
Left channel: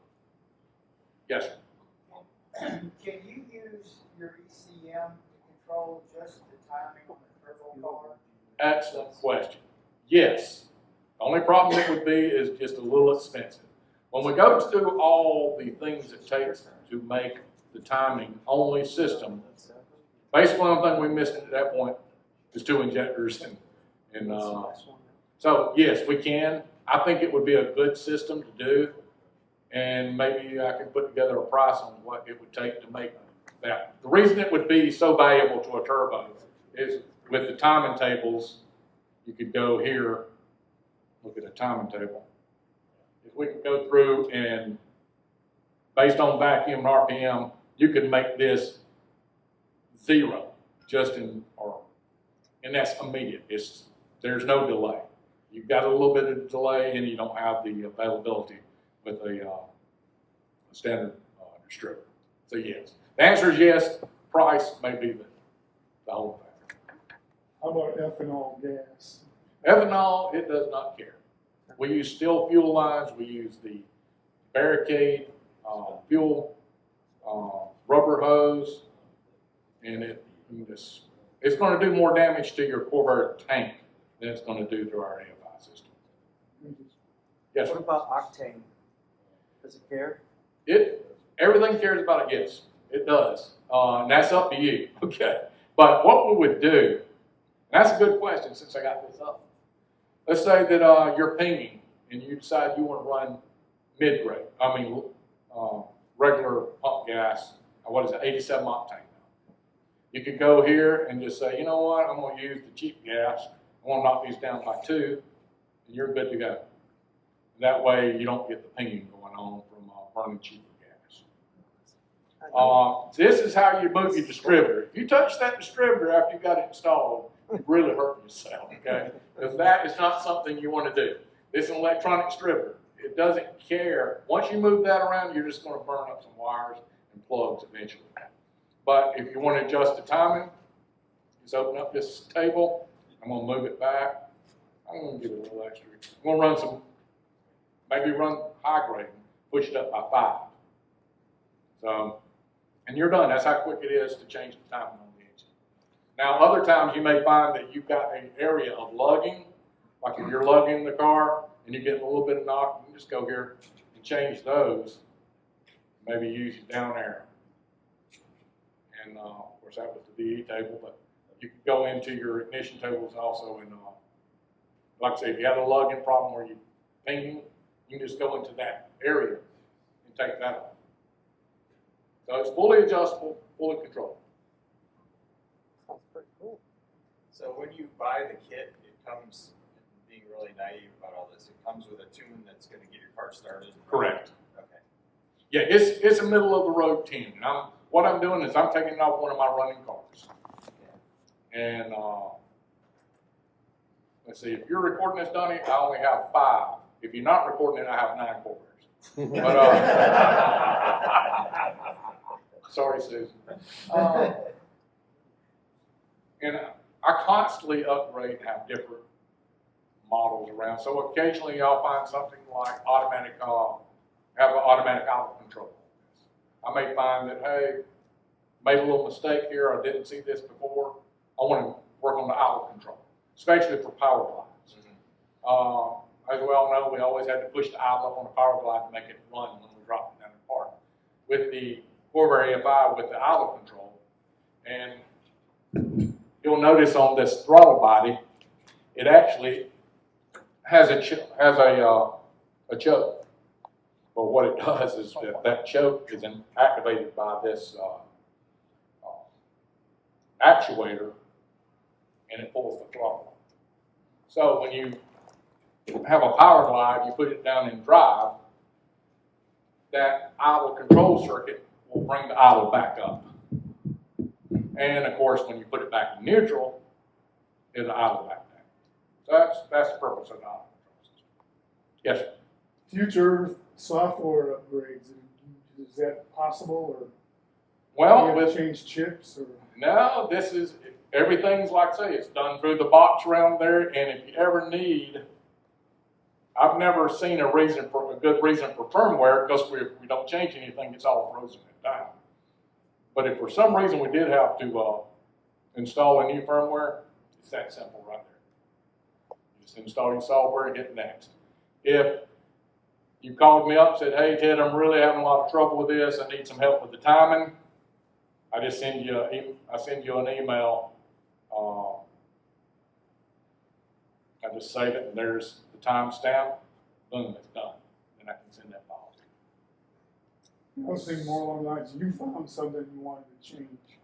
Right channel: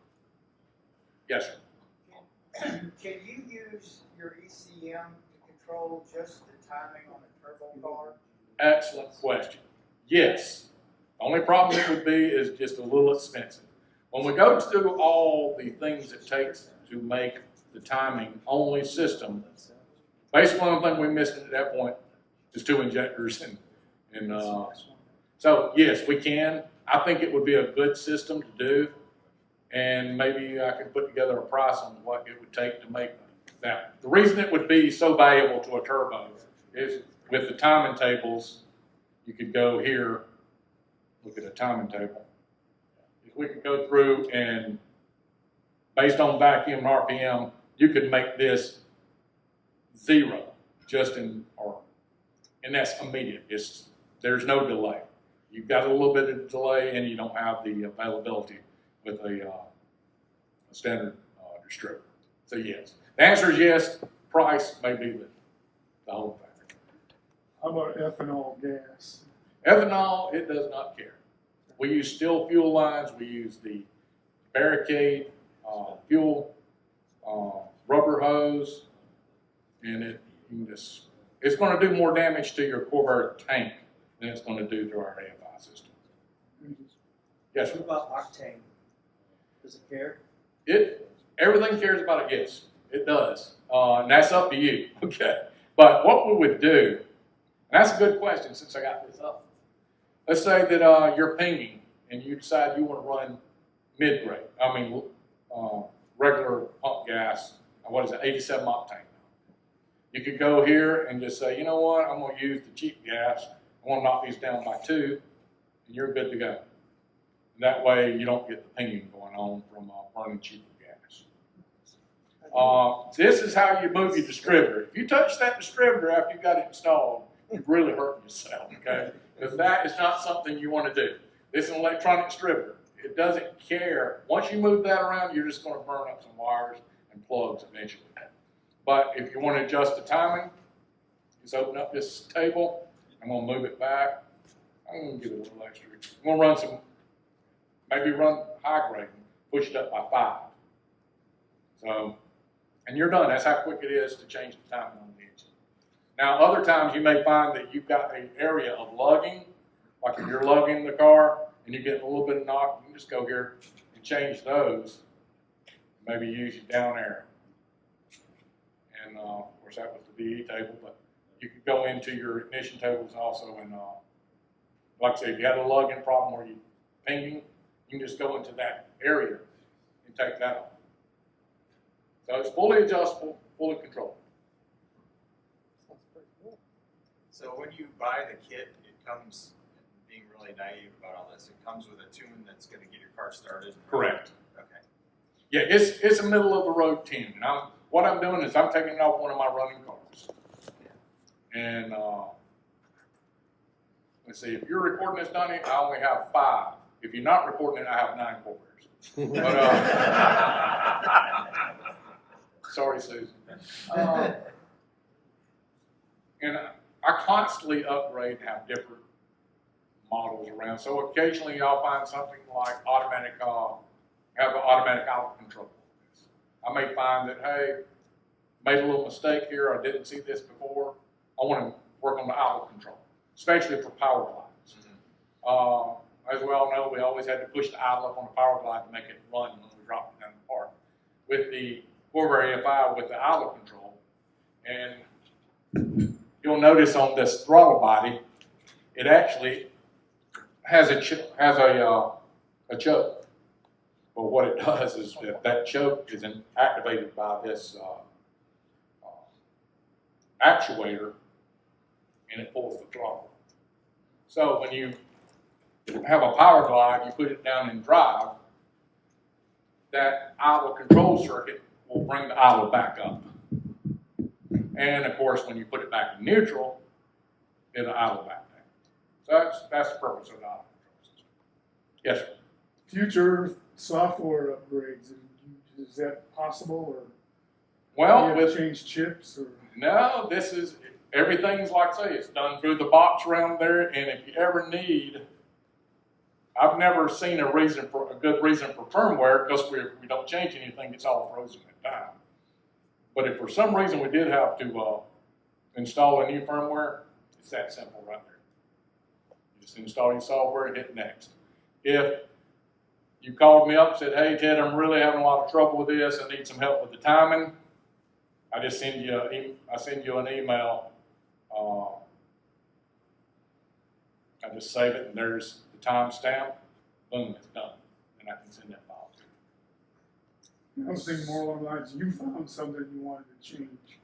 Yes, sir. Can you use your ECM to control just the timing on the turbo car? Excellent question. Yes. The only problem it would be is just a little expensive. When we go to do all the things it takes to make the timing only system, basically the only thing we missed at that point is 2 injectors and so yes, we can. I think it would be a good system to do, and maybe I could put together a price on what it would take to make that. The reason it would be so valuable to a turbo is with the timing tables, you could go here, look at a timing table. If we could go through and, based on vacuum and RPM, you could make this 0 and that's immediate. There's no delay. You've got a little bit of delay and you don't have the availability with a standard distributor. So yes, the answer is yes. Price may be the whole factor. How about ethanol gas? Ethanol, it does not care. We use still fuel lines. We use the barricade fuel rubber hose, and it's going to do more damage to your Corsa tank than it's going to do through our AFI system. Yes, What sir. about octane? Does it care? Everything cares about it. Yes, it does, and that's up to you. Okay, but what we would do, and that's a good question since I got this up. Let's say that you're pinging and you decide you want to run mid-grade. Regular pump gas. What is it? 87 octane. You could go here and just say, you know what? I'm going to use the cheap gas. I want to knock these down by 2, and you're good to go. And that way, you don't get the pinging going on from burning cheaper gas. This is how you move your distributor. If you touch that distributor after you got it installed, you're really hurting yourself, okay? Because that is not something you want to do. This is an electronic distributor. It doesn't care. Once you move that around, you're just going to burn up some wires and plugs eventually. But if you want to adjust the timing, just open up this table. I'm going to move it back. I'm going to give it a little extra. I'm going to run maybe run high grade, push it up by 5. So, and you're done. That's how quick it is to change the timing on the engine. Now, other times you may find that you've got an area of lugging, like if you're lugging the car and you're getting a little bit of knock, you can just go here and change those. Maybe use your down arrow. And of course that was the DE table, but you could go into your ignition tables also, and like I say, if you had a lugging problem where you're pinging, you can just go into that area and take that off. So it's fully adjustable, fully controlled. Sounds pretty cool. So when you buy the kit, it comes, being really naive about all this, it comes with a tune that's going to get your car started? Correct. Okay. Yeah, it's a middle of the road tune. And what I'm doing is I'm taking it off one of my running cars. And let's see, if you're recording this, Donnie, I only have 5. If you're not recording it, I have 9 quarters. But, sorry, Susan. And I constantly upgrade and have different models around. So occasionally I'll find something like automatic have an automatic idle control. I may find that, hey, made a little mistake here, I didn't see this before. I want to work on the idle control, especially for power glides. As we all know, we always had to push the idle up on the power glide to make it run when we drop it down the park. With the Corsa EFI with the idle control, and you'll notice on this throttle body, it actually has a choke. But what it does is that choke is activated by this actuator, and it pulls the throttle. So when you have a power glide, you put it down in drive, that idle control circuit will bring the idle back up. And of course, when you put it back in neutral, it'll idle back down. So that's the purpose of the idle control system. Yes, sir. Future software upgrades, is that possible, or Well, do you have with to change chips, or? no, everything's like I say, it's done through the box around there, and if you ever need, I've never seen a good reason for firmware, because we don't change anything, it's all frozen in time. But if for some reason we did have to install a new firmware, it's that simple right there. Just install your software and hit next. If you called me up and said, hey Ted, I'm really having a lot of trouble with this, I need some help with the timing, I just send you an email. I just save it, and there's the timestamp. Boom, it's done, and I can send that file to you. I was thinking more along the lines, you found something you wanted to change.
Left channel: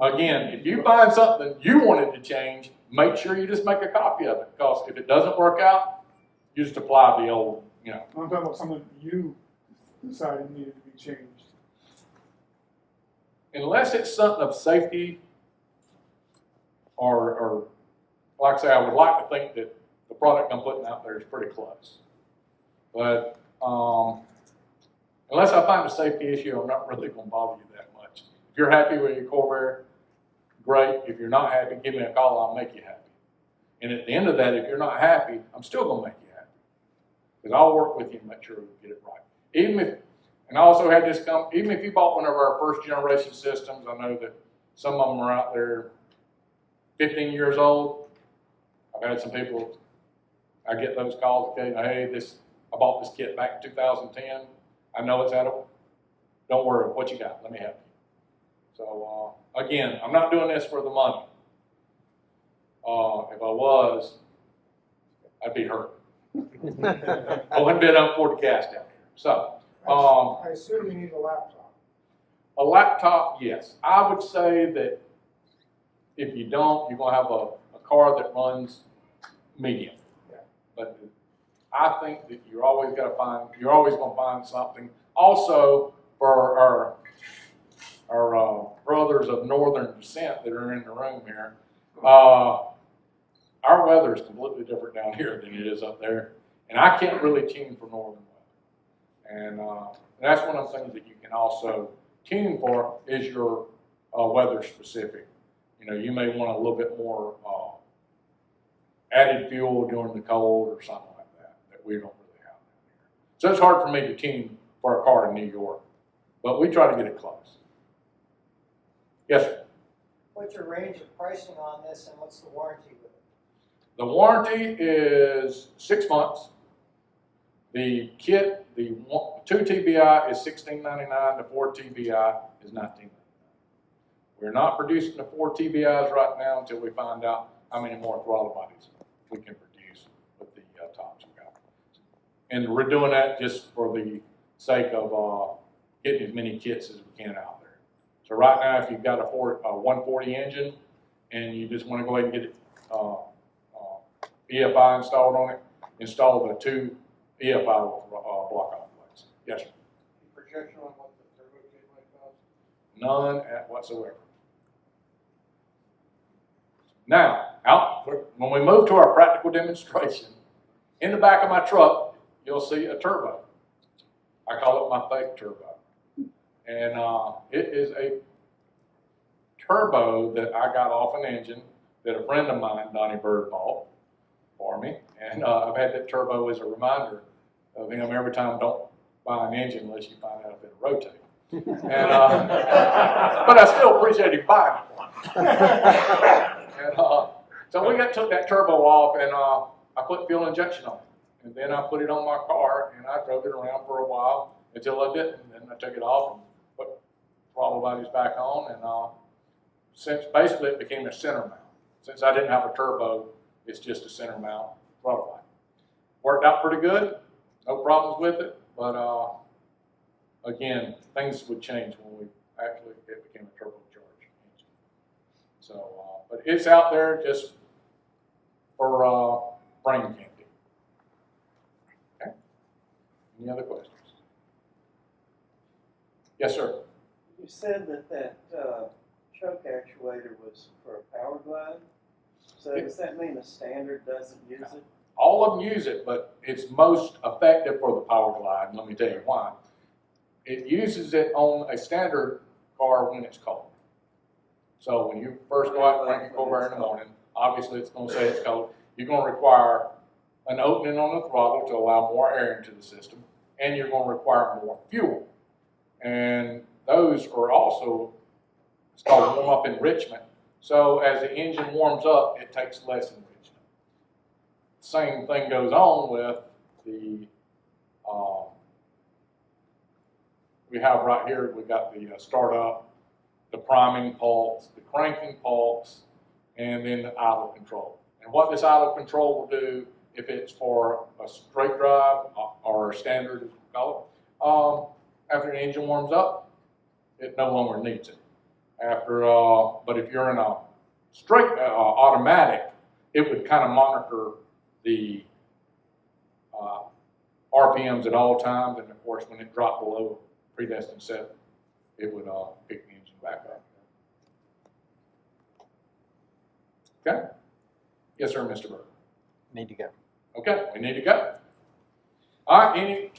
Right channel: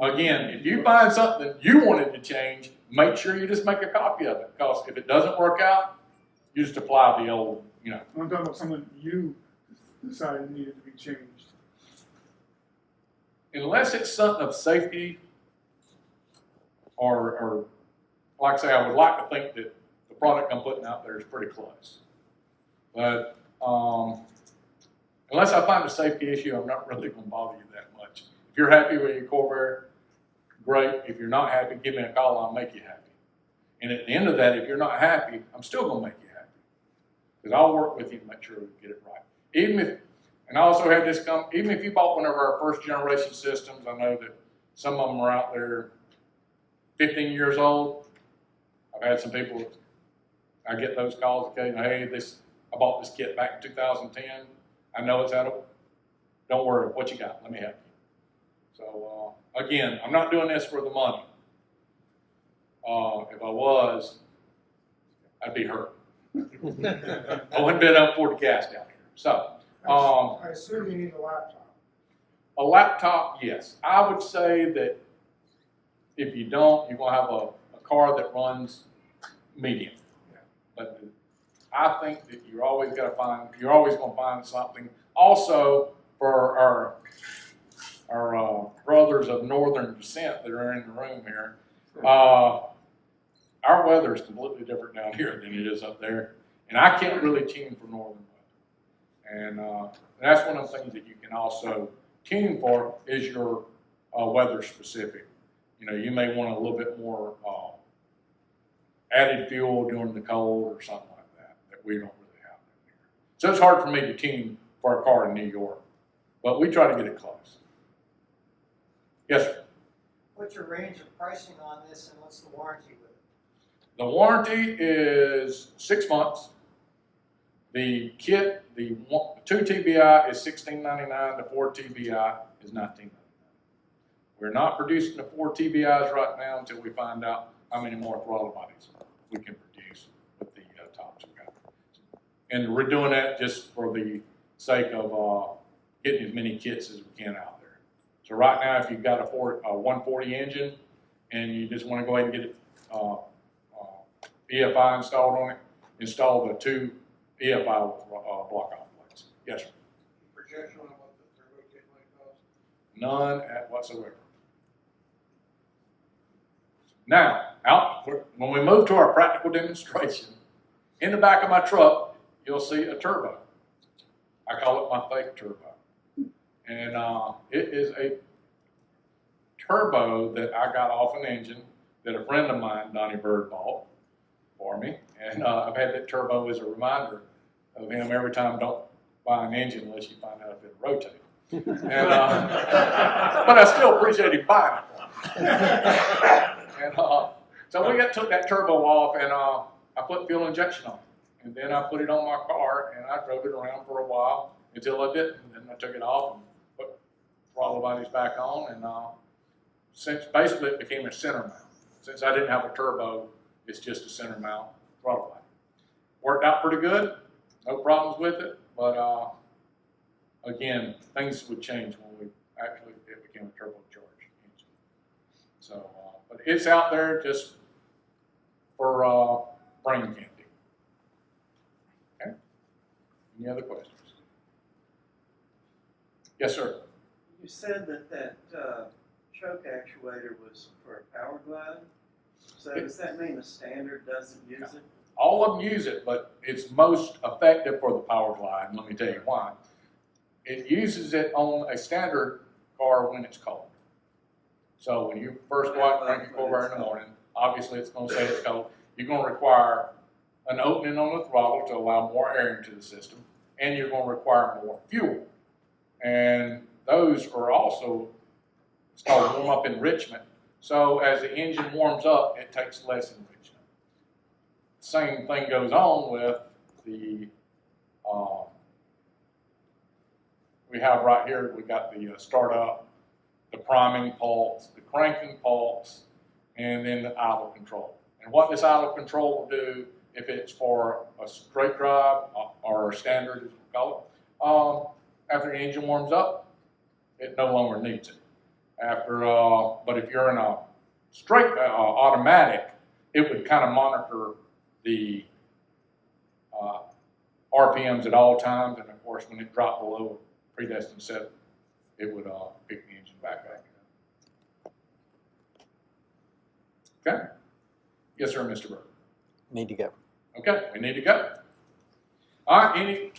Again, if you find something you wanted to change, make sure you just make a copy of it, because if it doesn't work out, you just apply the old, I'm talking about something you decided needed to be changed. Unless it's something of safety, or like I say, I would like to think that the product I'm putting out there is pretty close. But unless I find a safety issue, I'm not really going to bother you that much. If you're happy with your Corvair, great. If you're not happy, give me a call, I'll make you happy. And at the end of that, if you're not happy, I'm still going to make you happy. Because I'll work with you and make sure we get it right. And I also had this come, even if you bought one of our first generation systems, I know that some of them are out there 15 years old. I've had some people, I get those calls occasionally, hey, I bought this kit back in 2010. I know it's out of, don't worry, what you got? Let me help you. So again, I'm not doing this for the money. If I was, I'd be hurt. I wouldn't bid up for the gas down here. So, I assume you need a laptop. a laptop, yes. I would say that if you don't, you're going to have a car that runs medium. Yeah. But I think that you're always going to find something. Also, for our brothers of northern descent that are in the room here, our weather is completely different down here than it is up there. And I can't really tune for northern weather. And that's one of the things that you can also tune for is your weather specific. You may want a little bit more added fuel during the cold or something like that we don't really have here. So it's hard for me to tune for a car in New York, but we try to get it close. Yes, sir. What's your range of pricing on this, and what's the warranty with it? The warranty is 6 months. The kit, the 2 TBI is $16.99. The 4 TBI is $19.99. We're not producing the 4 TBIs right now until we find out how many more throttle bodies we can produce with the tops we got. And we're doing that just for the sake of getting as many kits as we can out there. So right now, if you've got a 140 engine and you just want to go ahead and get it EFI installed on it, install the 2 EFI with block-off plates. Yes, sir. Projection on what the turbo kit might cost? None whatsoever. Now, when we move to our practical demonstration, in the back of my truck, you'll see a turbo. I call it my fake turbo. And it is a turbo that I got off an engine that a friend of mine, Donnie Bird, bought for me. And I've had that turbo as a reminder of him every time, don't buy an engine unless you find out if it'll rotate. And, but I still appreciate him buying one. And, so we took that turbo off, and I put fuel injection on it. And then I put it on my car, and I drove it around for a while until I didn't. And then I took it off and put throttle bodies back on. And since basically it became a center mount. Since I didn't have a turbo, it's just a center mount throttle body. Worked out pretty good. No problems with it. But again, things would change when it became a turbocharged engine. So, but it's out there just for brain candy. Okay. Any other questions? Yes, sir. You said that choke actuator was for a power glide. So does that mean the standard doesn't use it? All of them use it, but it's most effective for the power glide. And let me tell you why. It uses it on a standard car when it's cold. So when you first go out and crank your carburetor in the morning, obviously it's going to say it's cold. You're going to require an opening on the throttle to allow more air into the system, and you're going to require more fuel. And those are also start to warm up enrichment. So as the engine warms up, it takes less enrichment. Same thing goes on with the, we have right here, we got the startup, the priming pulse, the cranking pulse, and then the idle control. And what this idle control will do, if it's for a straight drive or standard, as we call it, after the engine warms up, it no longer needs it. But if you're in a straight automatic, it would kind of monitor the RPMs at all times, and of course, when it dropped below predestined set, it would pick the engine back up. Okay? Yes, sir, Mr. Burke. Need to go. Okay, we need to go. All right, any